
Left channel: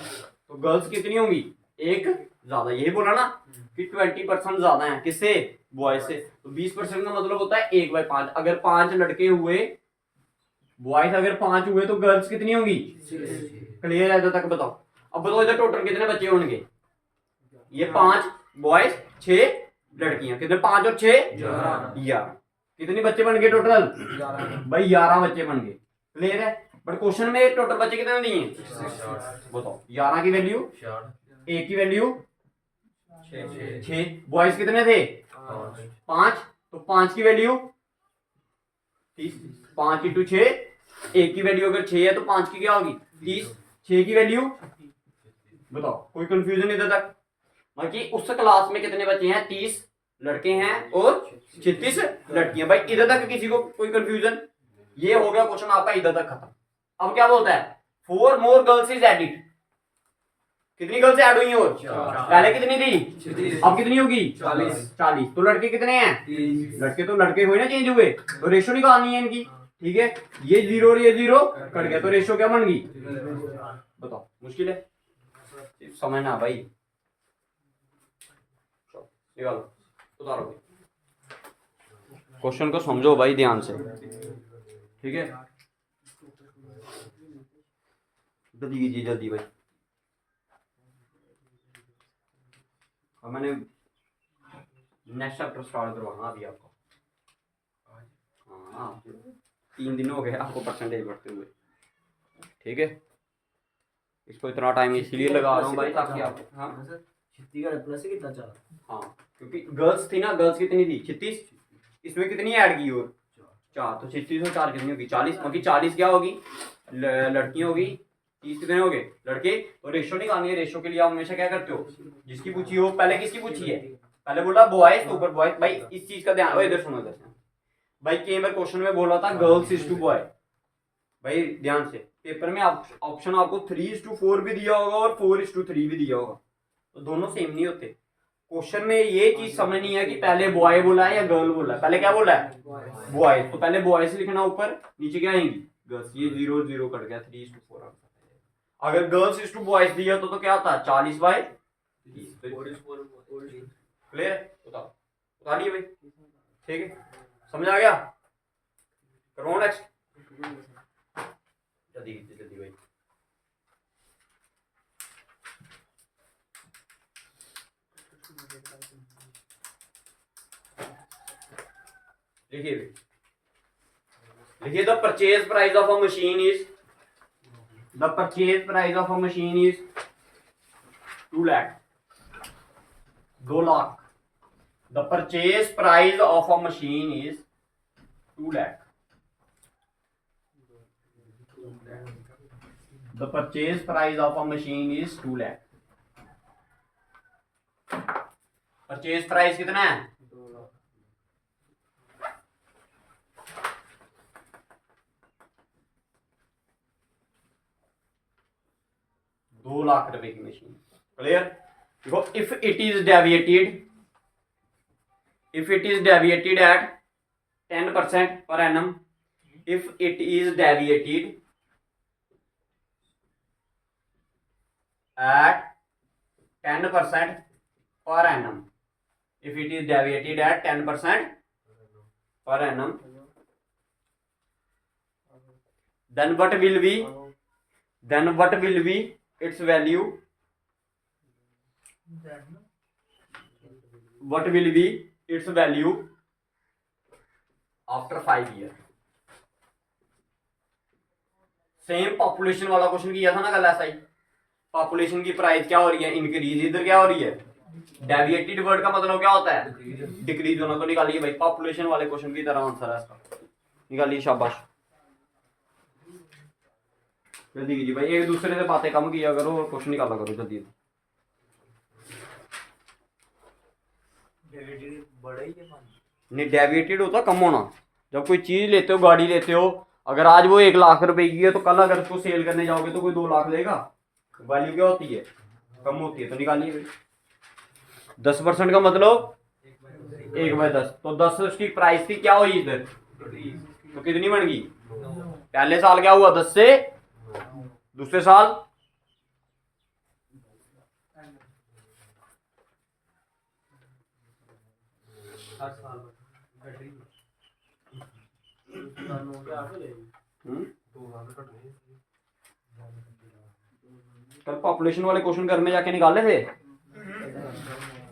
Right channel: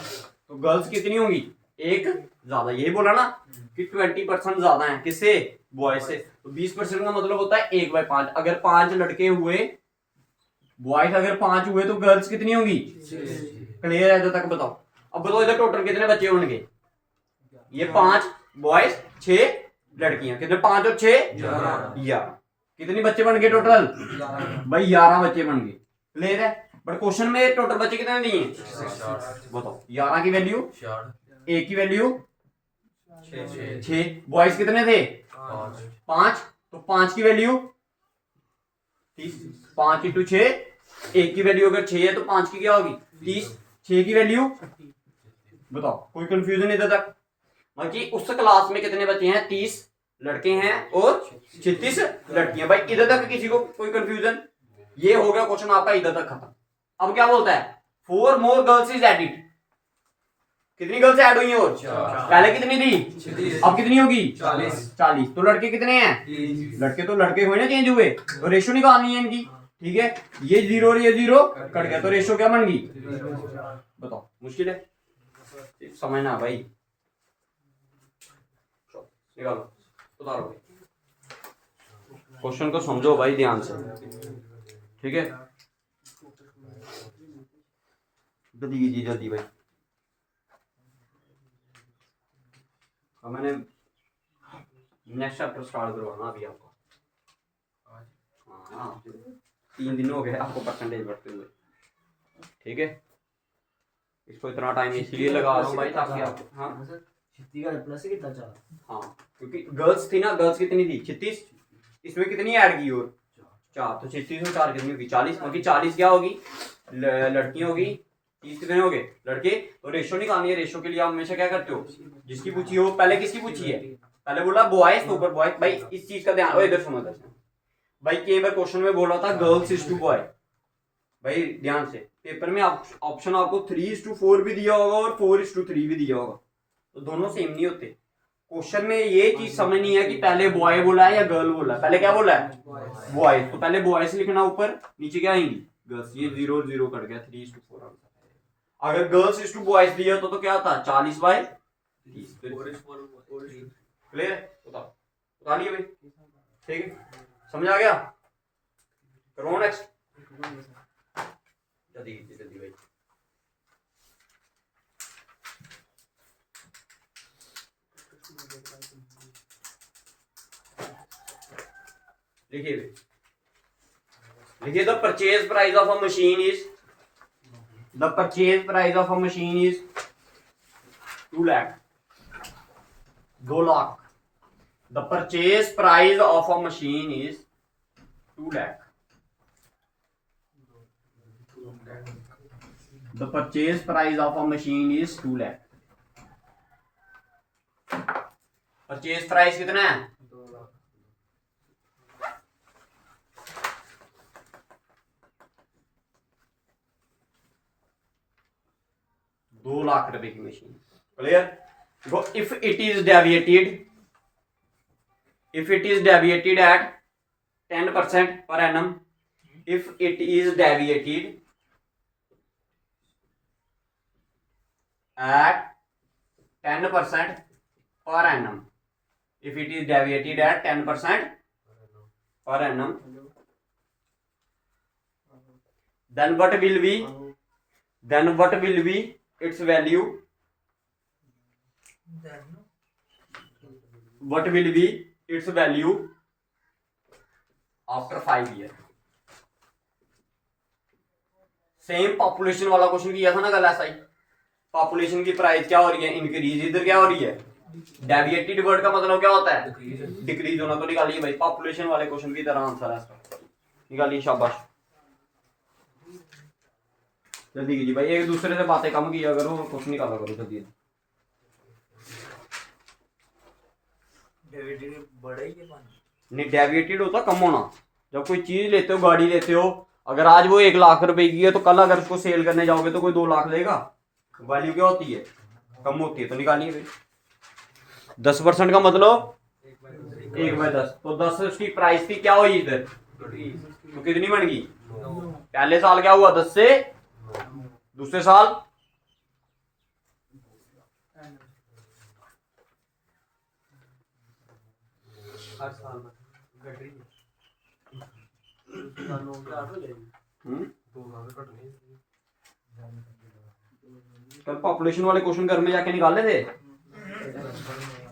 तो गर्ल्स कितनी होंगी? 1 ज्यादा। यही बोला ना कि 20% ज्यादा है किससे? बॉयज से। तो 20% का मतलब होता है 1/5। अगर 5 लड़के हुए बॉयज, अगर 5 हुए तो गर्ल्स कितनी होंगी? क्लियर है? इधर तक बताओ। अब बताओ इधर टोटल कितने बच्चे होंगे? ये 5 बॉयज 6 लड़कियां, कितने? 5 और 6 11। कितने बच्चे बन गए टोटल? भाई 11 बच्चे बन गए। क्लियर है? बट क्वेश्चन में टोटल बच्चे कितने दिए? बताओ, 11 की वैल्यू, 1 की वैल्यू 6, बॉयज कितने थे? 5, तो 5 की वैल्यू 30, 5 × 6, 1 की वैल्यू अगर 6 है तो 5 की क्या होगी? 30, 6 की वैल्यू बताओ। कोई कंफ्यूजन इधर तक? बाकी उस क्लास में कितने बच्चे हैं? 30 लड़के हैं और 36 लड़कियां। भाई इधर तक किसी को कोई कंफ्यूजन? ये हो गया क्वेश्चन आपका इधर तक खत्म। अब क्या बोलता है? 4 मोर गर्ल्स इज एडिड। कितनी गर्ल्स ऐड हुई और? पहले कितनी थी? अब कितनी होगी? 40। तो लड़के कितने हैं? लड़के तो लड़के हुए ना, चेंज हुए, तो रेशो निकालनी है इनकी, ठीक है। ये 0 और ये 0 कट गया, तो रेशो क्या बन गई? बताओ, मुश्किल है समझना भाई। निकालो, उतारो क्वेश्चन को, समझो भाई ध्यान से, ठीक है। जल्दी कीजिए, जल्दी भाई। अब मैंने नेक्स्ट चैप्टर स्टार्ट करवाना अभी आपको। हाँ, 3 दिन हो गए आपको परसेंटेज बढ़ते हुए, ठीक है। इसको इतना टाइम इसलिए लगा रहा हूँ भाई ताकि आप, हाँ प्लस कितना चला? हाँ, क्योंकि गर्ल्स थी ना, गर्ल्स कितनी थी? 36, इसमें कितनी ऐड की और? 4, तो 36 और 4 कितनी होगी? 40। बाकी 40 क्या होगी? लड़कियां होगी। 30 कितने हो गए? लड़के। तो रेशो निकालनी है। रेशो के लिए आप हमेशा क्या करते हो? जिसकी पूछी हो, पहले किसकी पूछी है? पहले बोला बॉयज, तो ऊपर बॉयज। भाई इस चीज का ध्यान, इधर सुनो दर्शन भाई, कई बार क्वेश्चन में बोला था गर्ल्स इज टू बॉय। भाई ध्यान से, पेपर में ऑप्शन आपको 3:4 भी दिया होगा और 4:3 भी दिया होगा, तो दोनों सेम नहीं होते। क्वेश्चन में ये चीज समझनी है कि पहले बॉय बोला है या गर्ल बोला है। पहले क्या बोला है? बॉय। तो पहले बॉयज लिखना ऊपर, नीचे क्या आएंगी? गर्ल्स। ये 0 0 कट गया, 3:4। अगर गर्ल्स इज टू बॉयज दिया तो क्या होता है? 40/30। क्लियर? बताओ उतारिए भाई, ठीक है, समझ आ गया। करो नेक्स्ट, जल्दी जल्दी भाई। लिखिए लिखिए, the purchase price of a machine is, the purchase price of a machine is 2 lakh, 2 lakh. The purchase price of a machine is 2 lakh. The purchase price of a machine is 2 lakh. Purchase price कितना है? 2 लाख रुपए की मशीन। क्लियर? देखो, if it is deviated, if it is deviated at 10% per annum, if it is deviated at 10% per annum, if it is deviated at 10% per annum, then what will be its value? What will be its value after 5 years? Same population वाला क्वेश्चन किया था ना कल, ऐसा ही। पॉपुलेशन की प्राइस क्या हो रही है? इंक्रीज। इधर क्या हो रही है? डेविएटेड वर्ड का मतलब क्या होता है? डिक्रीज होना। तो निकालिए भाई, पॉपुलेशन वाले क्वेश्चन की तरह आंसर है इसका, निकालिए, शाबाश। जल्दी कीजिए भाई, एक दूसरे से बातें कम किया करो और क्वेश्चन निकाला करो जल्दी। नहीं, डेविएटेड होता कम होना। जब कोई चीज लेते हो, गाड़ी लेते हो, अगर आज वो 1 लाख रुपए की है तो कल अगर उसको सेल करने जाओगे तो कोई 2 लाख लेगा। वैल्यू क्या होती है? कम होती है। तो निकालिए भाई, 10% का मतलब 1/10। तो 10 उसकी प्राइस थी, क्या हुई इधर? तो कितनी बन गई? पहले साल क्या हुआ? 10 से दूसरे साल हर साल घट रही है। कल पॉपुलेशन वाले क्वेश्चन घर में जाके निकाले थे,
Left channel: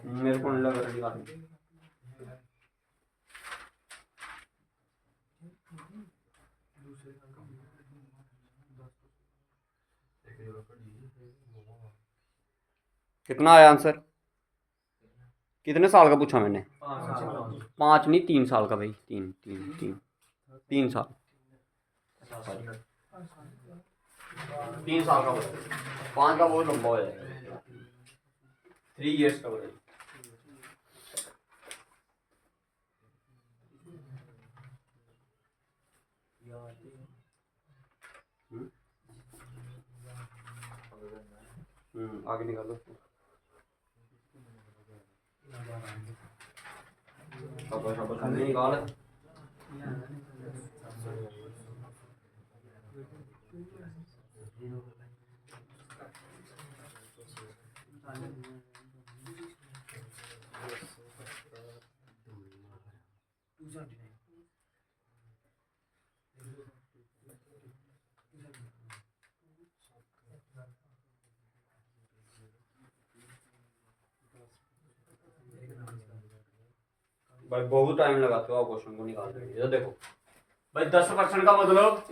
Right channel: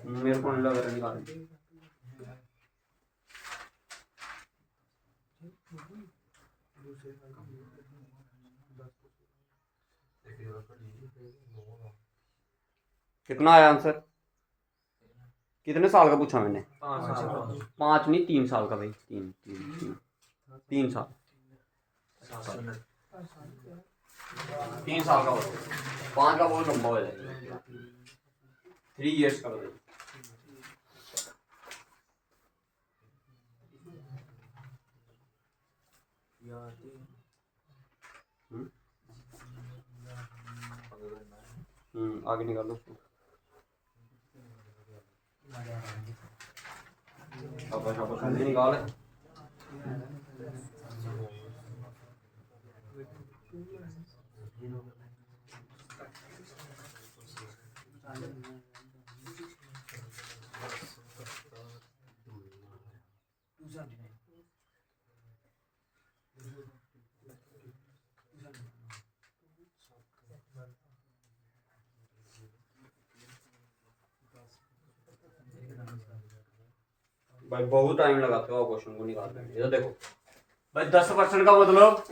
मेरे को नहीं लग रहा निकाले। कितना आया आंसर? कितने साल का पूछा मैंने? 5 नहीं, 3 साल का भाई। 3 साल, 3 साल का। 5 का बहुत लंबा हो जाएगा। 3 इयर्स का बताइए। आगे निकालो। शाबाश निकाल। भाई बहुत टाइम लगाते हो क्वेश्चन को निकालने में। ये देखो भाई, 10% का मतलब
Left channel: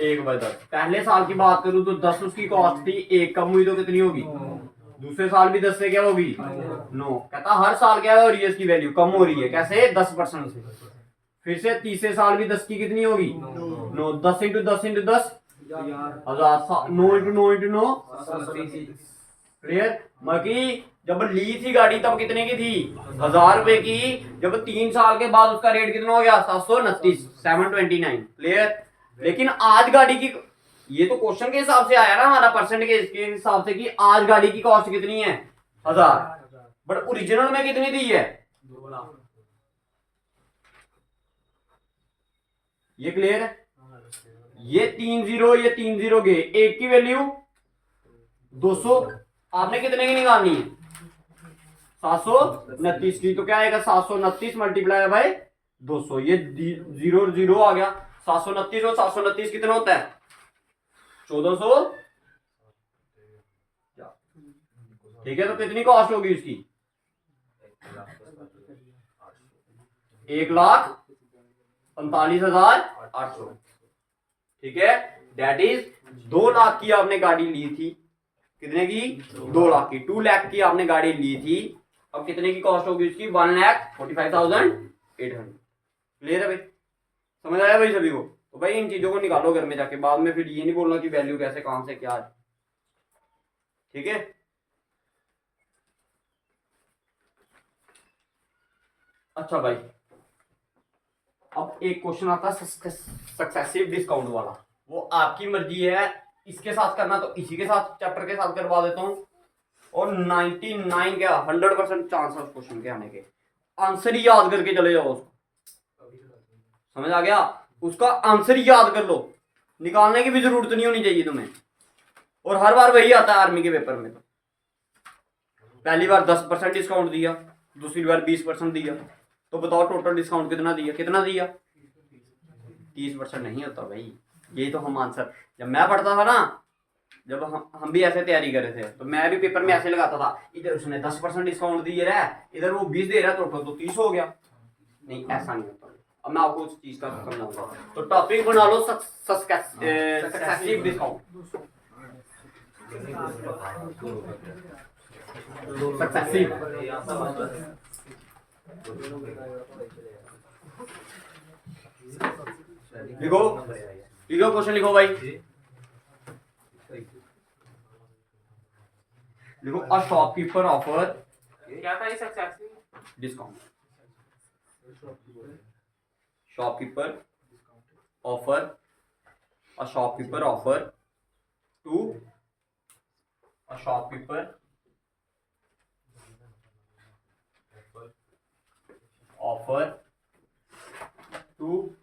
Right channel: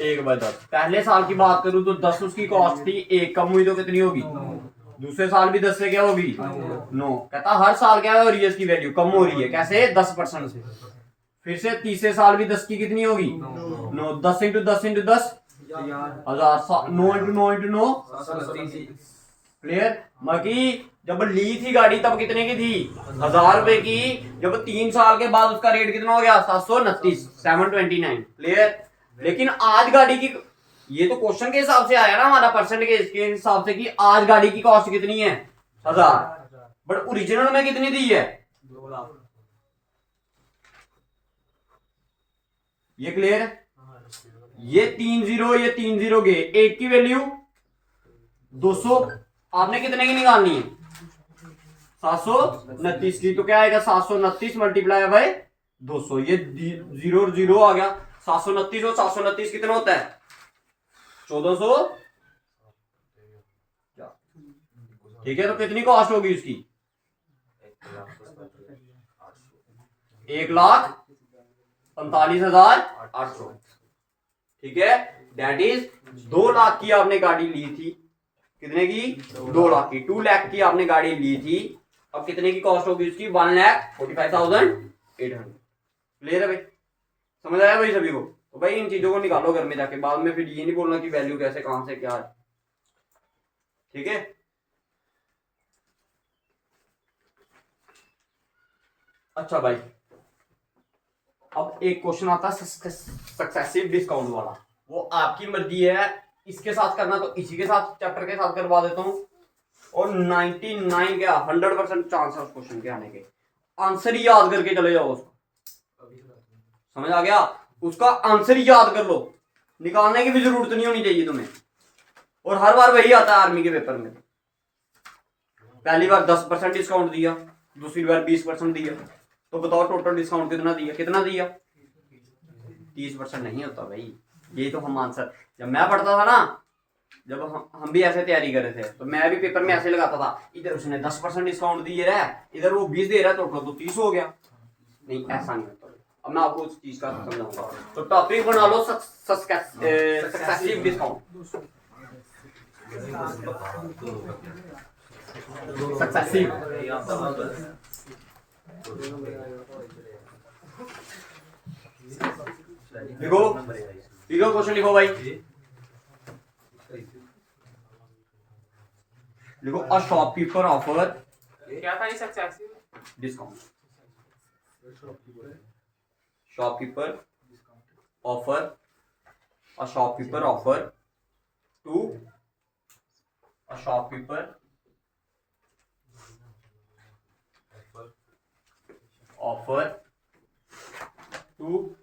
1/10। पहले साल की बात करूं तो 10 उसकी कॉस्ट थी, 1 कम हुई तो कितनी होगी? दूसरे साल भी 10 से क्या होगी? 9। कहता हर साल क्या हो रही है इसकी वैल्यू? कम हो रही है। कैसे? 10% से। फिर से तीसरे साल भी 10 की कितनी होगी? 9। 10 × 10 × 10 1000। 9 × 9 × 9 क्लियर? बाकी जब ली थी गाड़ी तब कितने की थी? 1000 रुपए की। जब 3 साल के बाद उसका रेट कितना हो गया? 729, 729। क्लियर? लेकिन आज गाड़ी की, ये तो क्वेश्चन के हिसाब से आया ना हमारा, परसेंट के हिसाब से कि आज गाड़ी की कॉस्ट कितनी है? 1000। बट ओरिजिनल में कितनी दी है? 2 लाख। ये क्लियर है? ये 3 0, ये 3 0 गए, एक की वैल्यू 200। आपने कितने की निकालनी है? 729 की, तो क्या आएगा 729 मल्टीप्लाई बाय 200, ये 0 0 आ गया। 729 और 729 कितना होता है 1400। ठीक है, तो कितनी कॉस्ट होगी इसकी 1,45,800। ठीक है, दैट इज 2 लाख की आपने गाड़ी ली थी, कितने की 2 लाख की, 2 लाख की आपने गाड़ी ली थी। अब कितने की कॉस्ट होगी उसकी 1,45,800। क्लियर है भाई, समझ आया भाई सभी को। तो भाई इन चीजों को निकालो घर में जाके, बाद में फिर ये नहीं बोलना कि वैल्यू कैसे कहां से क्या है। ठीक है, अच्छा भाई अब एक क्वेश्चन आता है सक्सेसिव डिस्काउंट वाला, वो आपकी मर्जी है इसके साथ करना तो इसी के साथ चैप्टर के साथ करवा देता हूँ, और 99 क्या 100% चांस है उस क्वेश्चन के आने के। आंसर ही याद करके चले जाओ उसको, समझ आ गया, उसका आंसर ही याद कर लो, निकालने की भी जरूरत नहीं होनी चाहिए तुम्हें। और हर बार वही आता है आर्मी के पेपर में, पहली बार 10% डिस्काउंट दिया, दूसरी बार 20% दिया, तो बताओ टोटल डिस्काउंट कितना दिया, कितना दिया 30% नहीं होता भाई। यही तो हम आंसर, जब मैं पढ़ता था ना, जब हम भी ऐसे तैयारी कर रहे थे, तो मैं भी पेपर में ऐसे लगाता था, इधर उसने 10% डिस्काउंट दिए रहा है, इधर वो 20 दे रहा है, टोटल तो 30 हो गया। नहीं, ऐसा नहीं होता। अब मैं आपको उस चीज का समझाऊंगा, तो टॉपिक बना लो सक्सेसिव डिस्काउंट। सक्सेसिव लिखो, ठीक है, क्वेश्चन लिखो भाई, लिखो अ शॉपकीपर ऑफर, क्या था ये successive discount, shopkeeper offer, a shopkeeper offer two, a shopkeeper offer two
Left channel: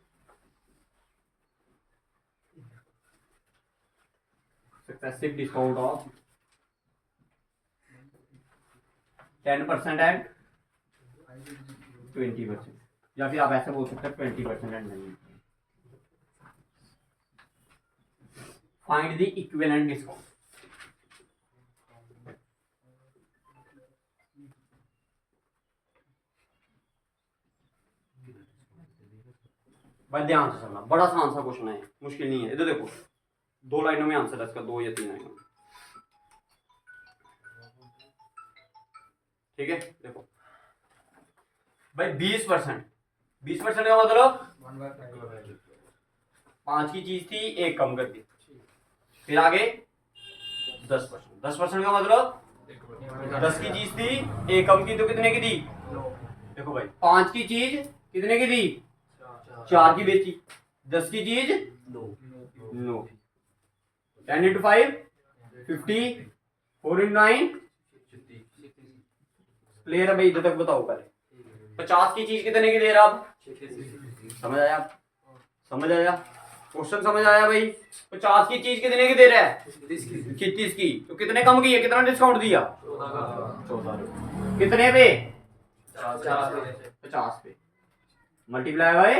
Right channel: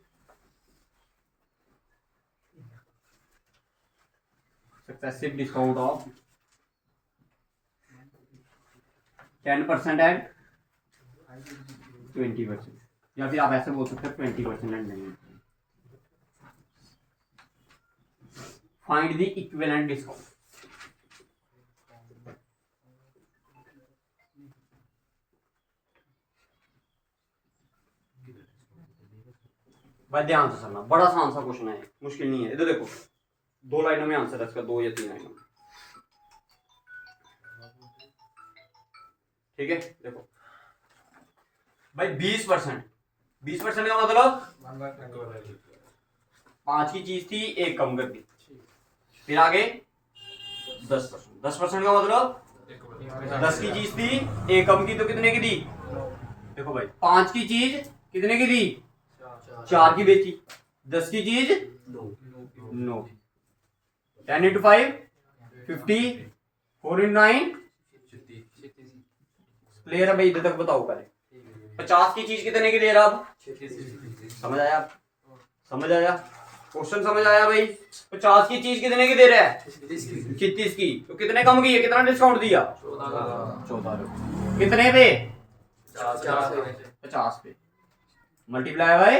successive discount of 10% and 20%, या फिर आप ऐसे बोल सकते हैं 20% एंड नहीं। Find the equivalent discount. भाई ध्यान से सुनना, बड़ा आसान सा क्वेश्चन है, मुश्किल नहीं है। इधर देखो, 2 लाइनों में आंसर है इसका, 2 या 3 लाइनों में। ठीक है, देखो भाई 20% का मतलब 5 की चीज थी, 1 कम कर दी, फिर आगे 10% का मतलब 10 की चीज थी, 1 कम की, तो कितने की दी, देखो भाई 5 की चीज कितने की दी, 4 की बेची, 10 की चीज 9, 10 into 5 50, 4 into 9 क्लियर है भाई। इधर तक बताओ पहले, 50 की चीज कितने की दे रहा, अब समझ आया, समझ आया क्वेश्चन, समझ आया भाई। 50 की चीज कितने की दे रहा है 36 की, तो कितने कम की है, कितना डिस्काउंट दिया 14, कितने पे 50 पे, मल्टीप्लाई बाय,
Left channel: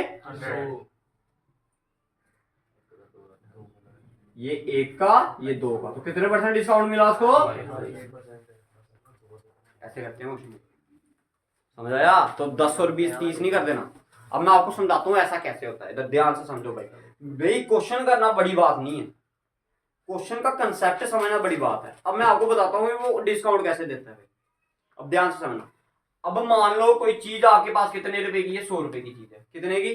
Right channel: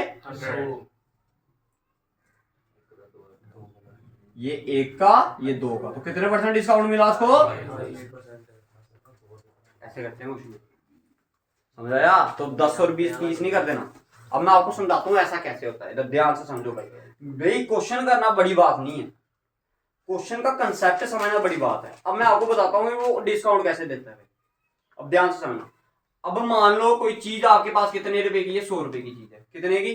ये 1 का ये 2 का, तो कितने % डिस्काउंट मिला उसको, ऐसे करते हैं उसमें, समझ आया। तो 10 और 20 30 नहीं कर देना। अब मैं आपको समझाता हूँ ऐसा कैसे होता है, इधर ध्यान से समझो भाई। भाई क्वेश्चन करना बड़ी बात नहीं है, क्वेश्चन का कंसेप्ट समझना बड़ी बात है। अब मैं आपको बताता हूँ वो डिस्काउंट कैसे देता है। अब ध्यान से समझना, अब मान लो कोई चीज आपके पास कितने रुपए की है, 100 रुपए की चीज है, कितने की,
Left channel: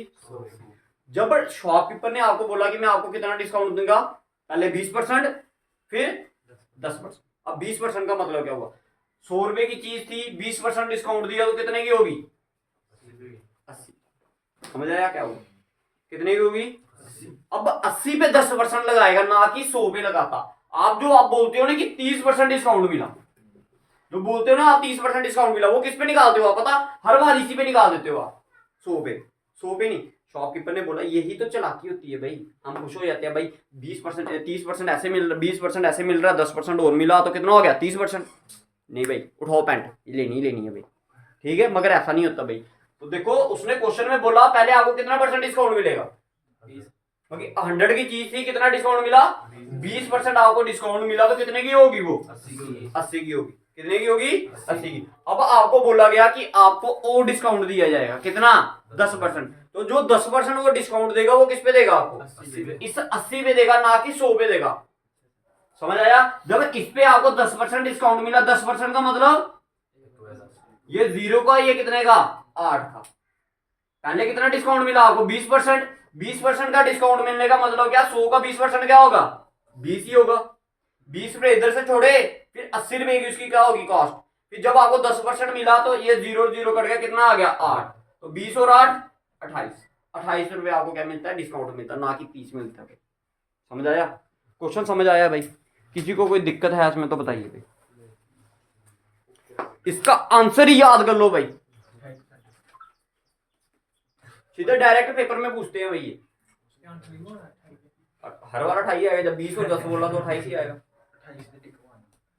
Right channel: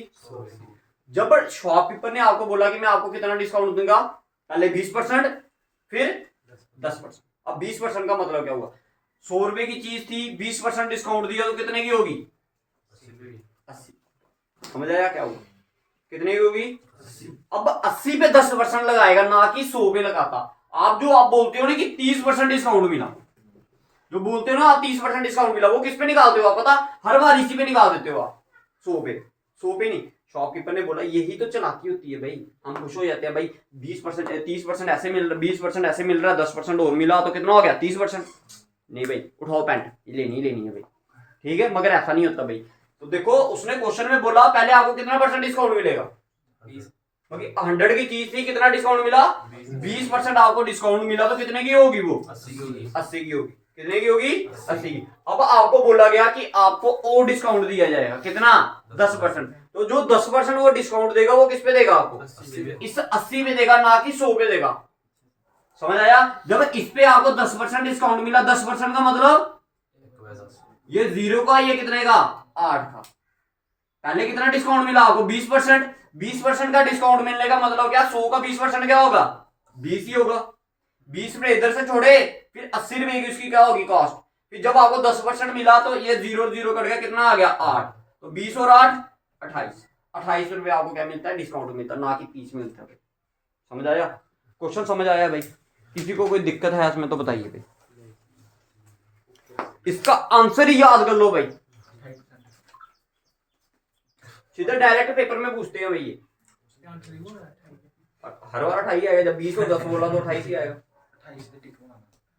जब शॉपकीपर ने आपको बोला कि मैं आपको कितना डिस्काउंट दूंगा, पहले 20%, फिर 10%। अब 20% का मतलब क्या हुआ, 100 रुपए की चीज थी, 20% डिस्काउंट दिया, तो कितने की होगी 80। समझ आया क्या हुआ, कितने की होगी 80। अब 80 पे 10% लगाएगा, ना कि 100 पे लगाता। आप बोलते हो ना कि 30% डिस्काउंट मिला, जो बोलते हो ना आप 30% डिस्काउंट मिला, वो किस पे निकालते हो आप, पता, हर बार इसी पे निकाल देते हो आप, 100 पे, 100 पे नहीं। शॉपकीपर ने बोला, यही तो चालाकी होती है भाई, हम खुश हो जाते हैं भाई, 20% 30% ऐसे मिल रहा, 20% ऐसे मिल रहा है, 10% और मिला, तो कितना हो गया 30%। नहीं भाई उठाओ पैंट, ये लेनी है भाई, ठीक है, मगर ऐसा नहीं होता भाई। तो देखो उसने क्वेश्चन में बोला पहले आपको कितना % डिस्काउंट मिलेगा, क्योंकि 100 की चीज थी, कितना डिस्काउंट मिला, 20% आपको डिस्काउंट मिला, तो कितने की होगी वो, 80 की होगी। कितने की होगी, 80 की। अब आपको बोला गया कि आपको और डिस्काउंट दिया जाएगा, कितना, 10%। तो जो 10% वो डिस्काउंट देगा वो किस पे देगा आपको, इस 80 पे देगा, ना कि 100 पे देगा। समझ आया। जब इस पे आपको 10% डिस्काउंट मिला, 10% का मतलब ये 0 का, ये कितने का, 8 का। पहले कितना डिस्काउंट मिला आपको, 20%। 20% का डिस्काउंट मिलने का मतलब क्या, 100 का 20% क्या होगा, 20 ही होगा। 20 रुपए इधर से छोड़े, फिर 80 रुपए की उसकी क्या होगी कॉस्ट। फिर जब आपको 10% मिला तो ये 0 कट गया, कितना आ गया, 8। तो 20 और 8 28। 28 रुपए आपको क्या मिलता है, डिस्काउंट मिलता है, ना कि 30 मिलता है। समझ आया, क्वेश्चन समझ आया भाई। किसी को कोई दिक्कत है इसमें तो बताइए भाई। इसका आंसर ही याद कर लो भाई, सीधे डायरेक्ट पेपर में पूछते हैं भाई ये। हर बार 28 आएगा, जब 20 और 10 बोला तो 28 ही आएगा,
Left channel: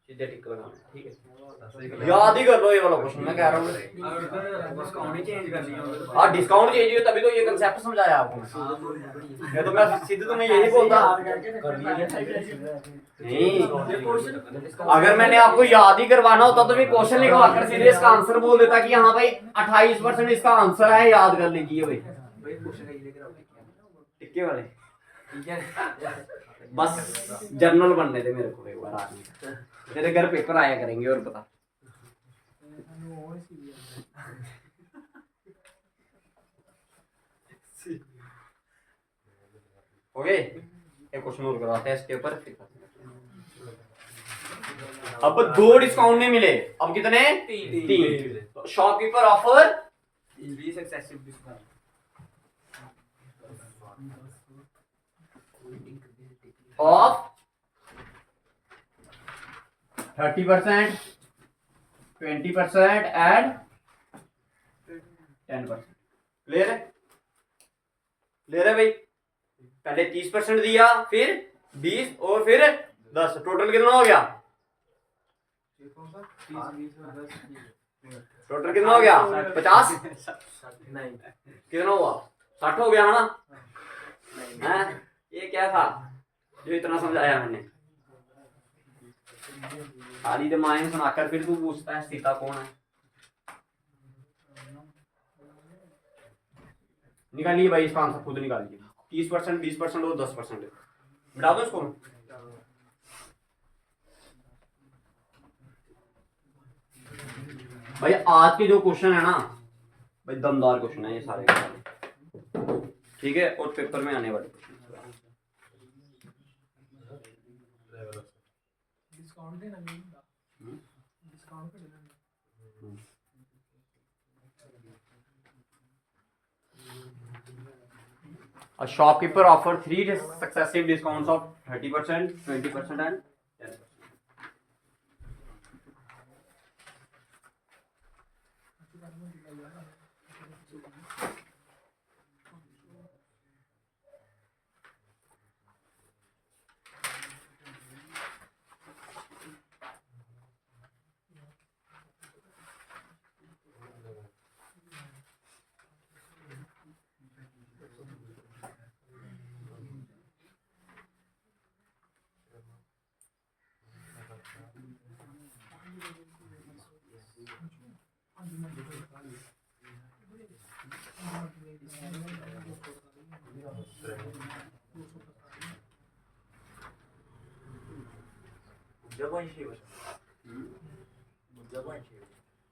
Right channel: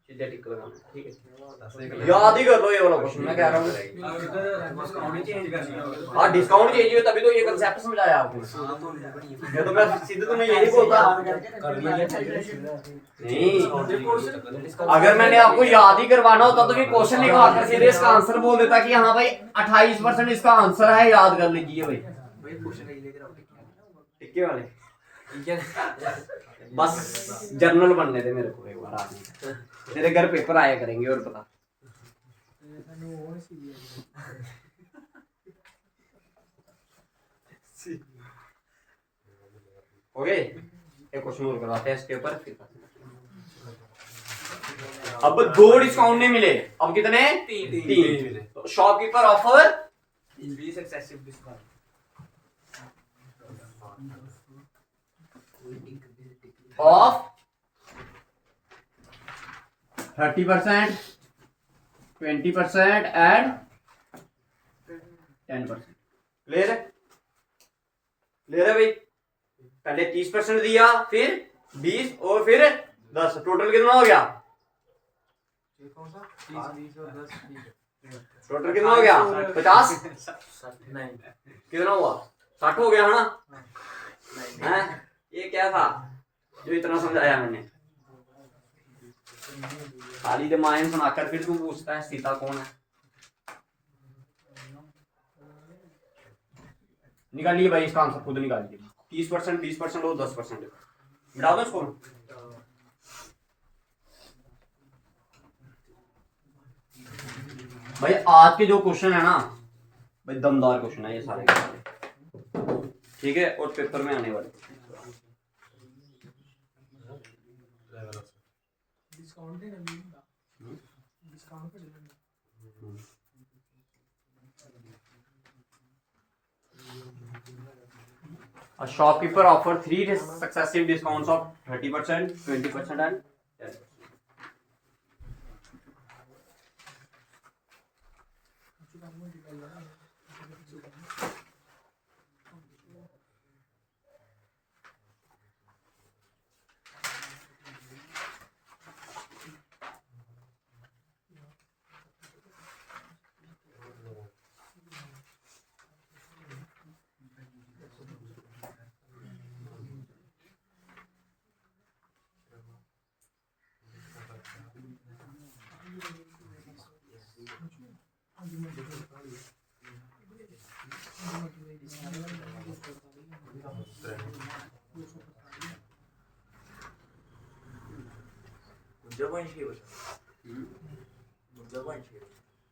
सीधे टिक लगाना, ठीक है। याद ही कर लो ये वाला क्वेश्चन, मैं कह रहा हूँ। हाँ डिस्काउंट चेंज हुए तभी तो ये कंसेप्ट समझाया आपको। मैं तो मैं सीधे तो मैं यही बोलता, नहीं अगर मैंने आपको याद ही करवाना होता तो फिर क्वेश्चन लिखवा कर सीधे इसका आंसर बोल देता कि हाँ भाई 28% इसका आंसर है, याद कर लीजिए भाई। टिक्के वाले बस जर्नल बनने थे मेरे को एक बार आने, तेरे घर पेपर आया करेंगे और बता। ओके एक क्वेश्चन और करवाते हैं इसके ऊपर फिर। अब 2 डिस्काउंट नहीं मिले, अब कितने, 3। तो shopkeeper offer excessive discount of 30%, 20% and 10%। Clear है, क्लियर है भाई। पहले 30% दिया, फिर 20 और फिर 10, टोटल कितना हो गया, टोटल कितना हो गया, 50 कितना हुआ, 60 हो गया है ना। हैं ये क्या था जो इतना समझाया हमने, खाली दिमाग सुनाकर फिर तू पूछता है सीता कौन है। निकालिए भाई इसका आंसर खुद निकालिए। 30%, 20% और 10%, मिटा दो इसको। भाई आज के जो क्वेश्चन है ना भाई दमदार क्वेश्चन है ये सारे के सारे, ठीक है, और पेपर में आने वाले डिस्काउंट देना डिस्काउंट पे देना। A shopkeeper offered 3 successive discounts of 30%, 20% and 10%.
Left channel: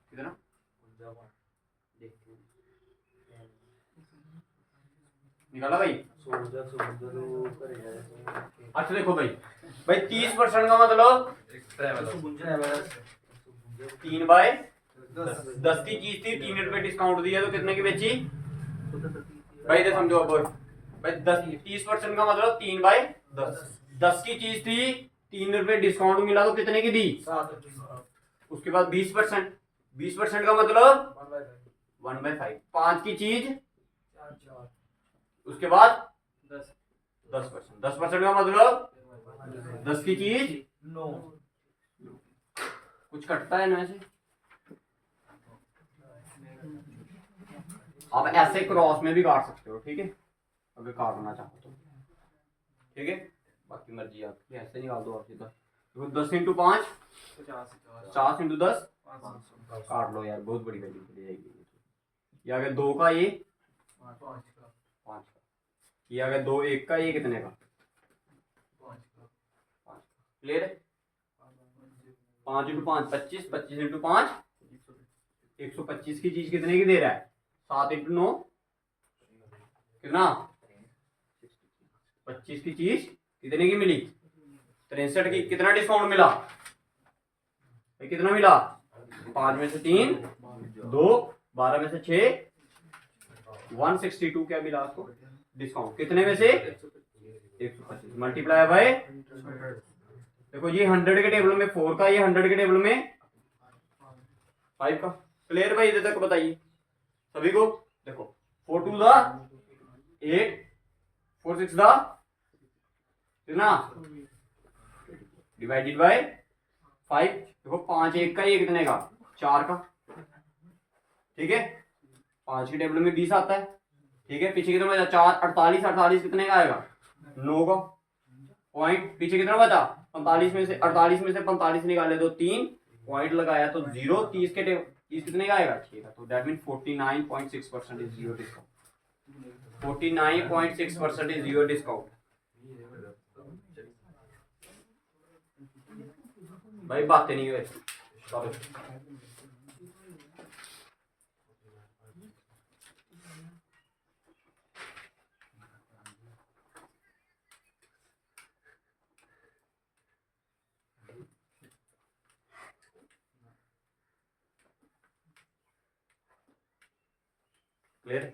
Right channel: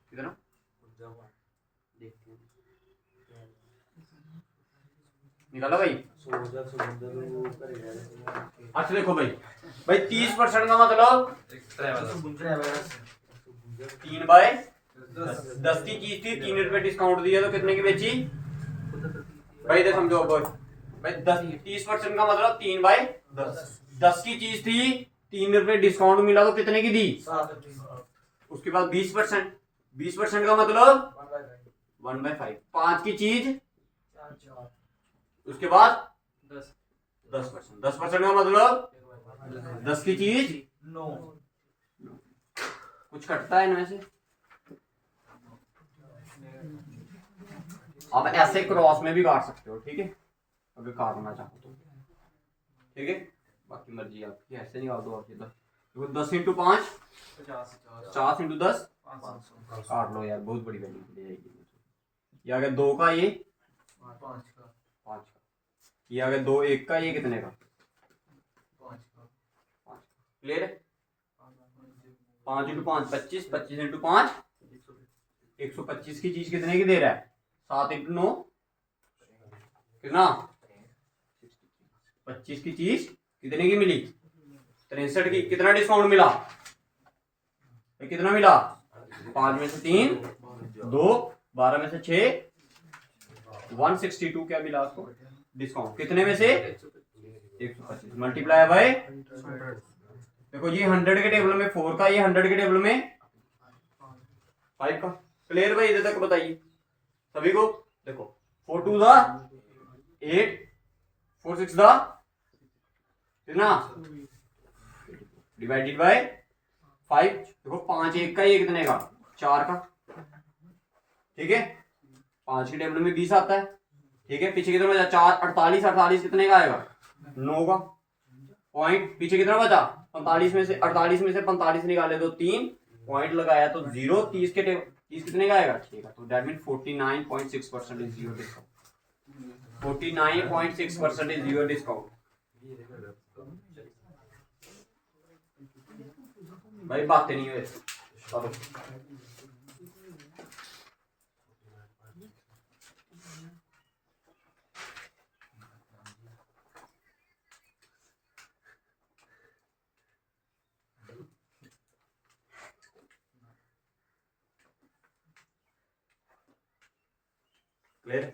कितना निकाला भाई। अच्छा देखो भाई, भाई 30% का मतलब 3/10 की चीज थी, 3 रुपए डिस्काउंट दिया तो कितने की बेची भाई, इधर समझो अब भाई 30% का मतलब 3/10। 10 की चीज थी, 3 रुपए डिस्काउंट मिला तो कितने की दी, 7। उसके बाद 20%, 20% का मतलब 1/5। 5 की चीज, उसके बाद 10%। 10% का मतलब 10 की चीज 9। कुछ कटता है इनमें से? आप ऐसे क्रॉस में भी काट सकते हो, ठीक है, अगर काटना चाहो तो, ठीक है, बाकी मर्जी आपकी, ऐसे निकाल दो आप सीधा। देखो 10 इंटू 5 50 इंटू 10 काट लो यार, बहुत बड़ी वैल्यू चली जाएगी। ये अगर 2 का, ये 5 का, ये अगर 2 1 का, ये कितने का? 5 क्लियर है? 5 इंटू 5 25, 25 इंटू 5 125 की चीज कितने की दे रहा है? 7 इंटू 9 कितना? 25 की चीज कितने की मिली? 63 की। कितना डिस्काउंट मिला? कितना मिला? 5 में से 3 2, 12 में से 6 162 क्या मिला उसको डिस्काउंट? कितने में से? 125 मल्टीप्लाई बाय, देखो ये 100 के टेबल में 4 का, ये 100 के टेबल में 5 का। क्लियर भाई? इधर तक बताइए सभी को। देखो 4 2 दा 8, 4 6 दा कितना डिवाइडेड बाय 5। देखो 5 1 का, ये कितने का? 4 का, ठीक है। 5 के टेबल में 20 आता है, ठीक है। पीछे कितना बचा? 4 48, 48 कितने का आएगा? 9 का। पॉइंट पीछे कितना बचा? 45 में से 48 में से 45 निकाले तो 3 पॉइंट लगाया तो 0। 30 के टेबल 30 कितने का आएगा? ठीक है, तो that mean 49.6% is your discount. 49.6% is your discount. भाई बातें नहीं हुए, सॉरी। क्लियर?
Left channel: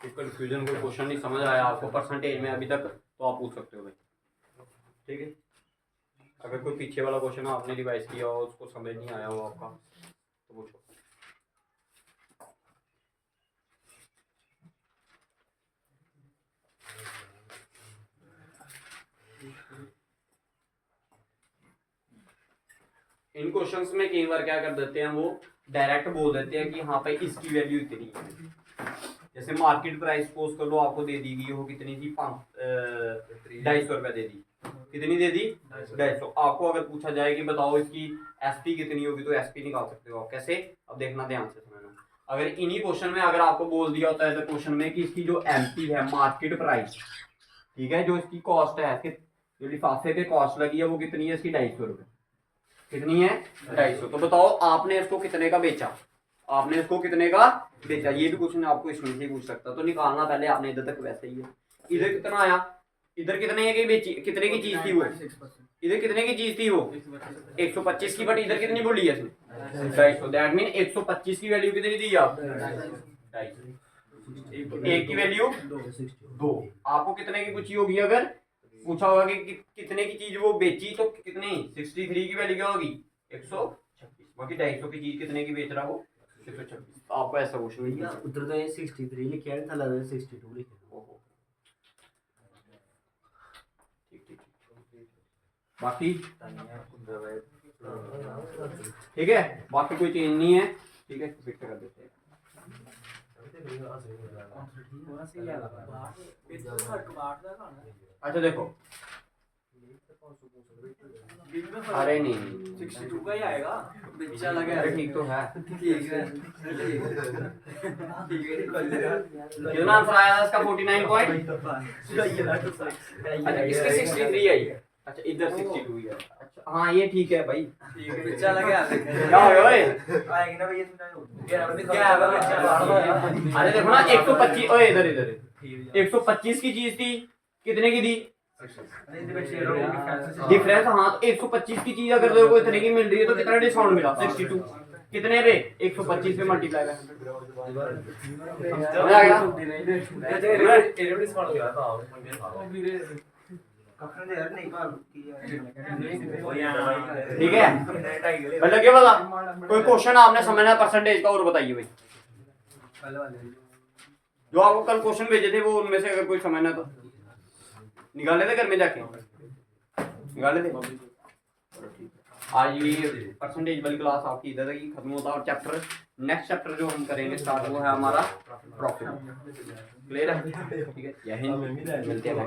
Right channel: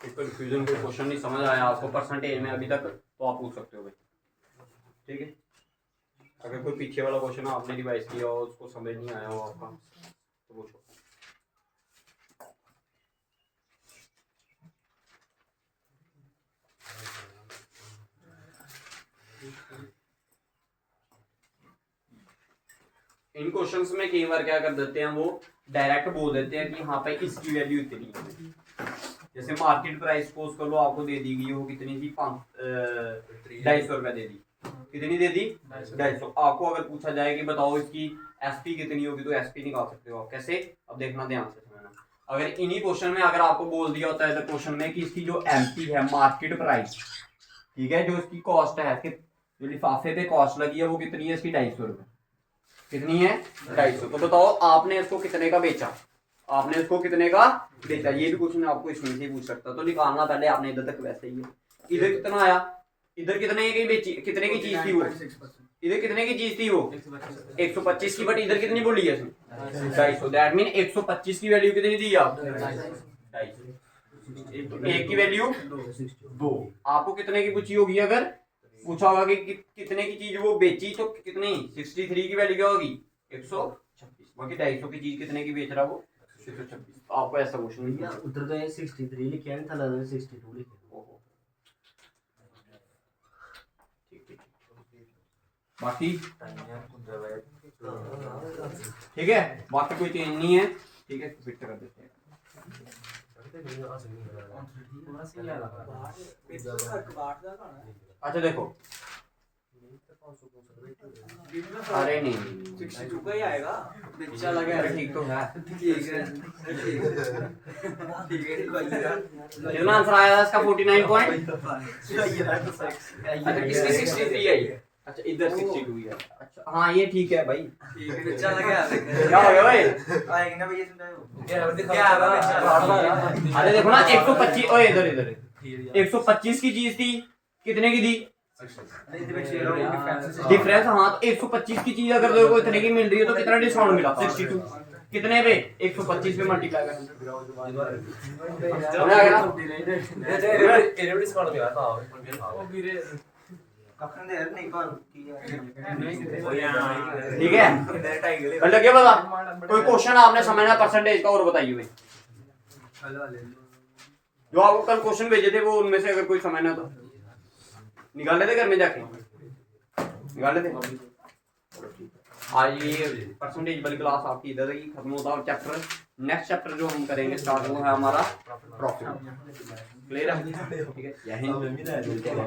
कोई कंफ्यूजन, कोई क्वेश्चन नहीं समझ आया आपको परसेंटेज में अभी तक, तो आप पूछ सकते हो भाई, ठीक है। अगर कोई पीछे वाला क्वेश्चन आपने रिवाइज किया हो, उसको समझ नहीं आया हो आपका, तो पूछो। इन क्वेश्चंस में कई बार क्या कर देते हैं, वो डायरेक्ट बोल देते हैं कि हाँ भाई इसकी वैल्यू इतनी है। जैसे मार्केट प्राइस सपोज कर लो आपको दे दी गई हो कितनी थी? 250 रुपया दे दी। कितनी दे दी? 250। आपको अगर पूछा जाए कि बताओ इसकी एसपी कितनी होगी, तो एसपी निकाल सकते हो आप। कैसे? अब देखना ध्यान से समझना। अगर इन्हीं क्वेश्चन में अगर आपको बोल दिया होता है क्वेश्चन में कि इसकी जो एमपी है, मार्केट प्राइस, ठीक है, जो इसकी कॉस्ट है, जो लिफाफे पे कॉस्ट लगी है वो कितनी है? इसकी 250 रुपये। कितनी है? 250। तो बताओ आपने इसको कितने का बेचा? आपने इसको कितने का बेचा? ये भी क्वेश्चन आपको इसमें से पूछ सकता, तो निकालना पहले आपने इधर तक वैसे ही है। इधर कितना आया? इधर कितने की बेची? कितने की चीज थी वो? इधर कितने की चीज थी वो? 125 की। बट इधर कितनी बोली है इसमें? 250। दैट मीन 125 की वैल्यू कितनी दी आप? 250। एक की वैल्यू 2। आपको कितने की पूछी होगी? अगर पूछा होगा कि कितने की चीज वो बेची, तो कितनी? 63 की वैल्यू क्या होगी? 126। बाकी 250 की चीज कितने की बेच रहा वो? 126। आपको ऐसा क्वेश्चन नहीं है। उधर तो 63 लिखा है, थला 62 लिखा है। ठीक ठीक। बाकी ठीक है, बाकी कोई चेंज नहीं है, ठीक है, फिट कर देते हैं। अच्छा देखो, अरे नहीं 62 का ही आएगा। अच्छा लगा, अरे ठीक तो है। कितना आंसर आया इसका? 49 पॉइंट। अच्छा किसकी 63 आई? अच्छा इधर 62 है। अच्छा हाँ ये ठीक है भाई, ठीक है, बच्चा लगा क्या है भाई? आएंगे ना भैया, क्या है बच्चा? अरे देखो ना 125, ओए इधर इधर 125 की चीज थी, कितने की दी? डिफरेंस। हाँ तो 125 की चीज अगर को इतने की मिल रही है तो कितना डिस्काउंट मिला? 62। कितने पे? 125 पे मल्टीप्लाई कर। समझ आ गया? ठीक है, मतलब क्या बता? कोई क्वेश्चन आपने समझना परसेंटेज का और बताइए भाई। जो आपको कल क्वेश्चन भेजे थे वो उनमें से अगर कोई समझना तो निकाल लेते घर में जाके, निकाल लेते। आज ये परसेंटेज वाली क्लास आपकी इधर ही खत्म होता है और चैप्टर नेक्स्ट चैप्टर जो हम करेंगे स्टार्ट वो है हमारा प्रॉफिट। क्लियर है? ठीक है, यही मिलते हैं।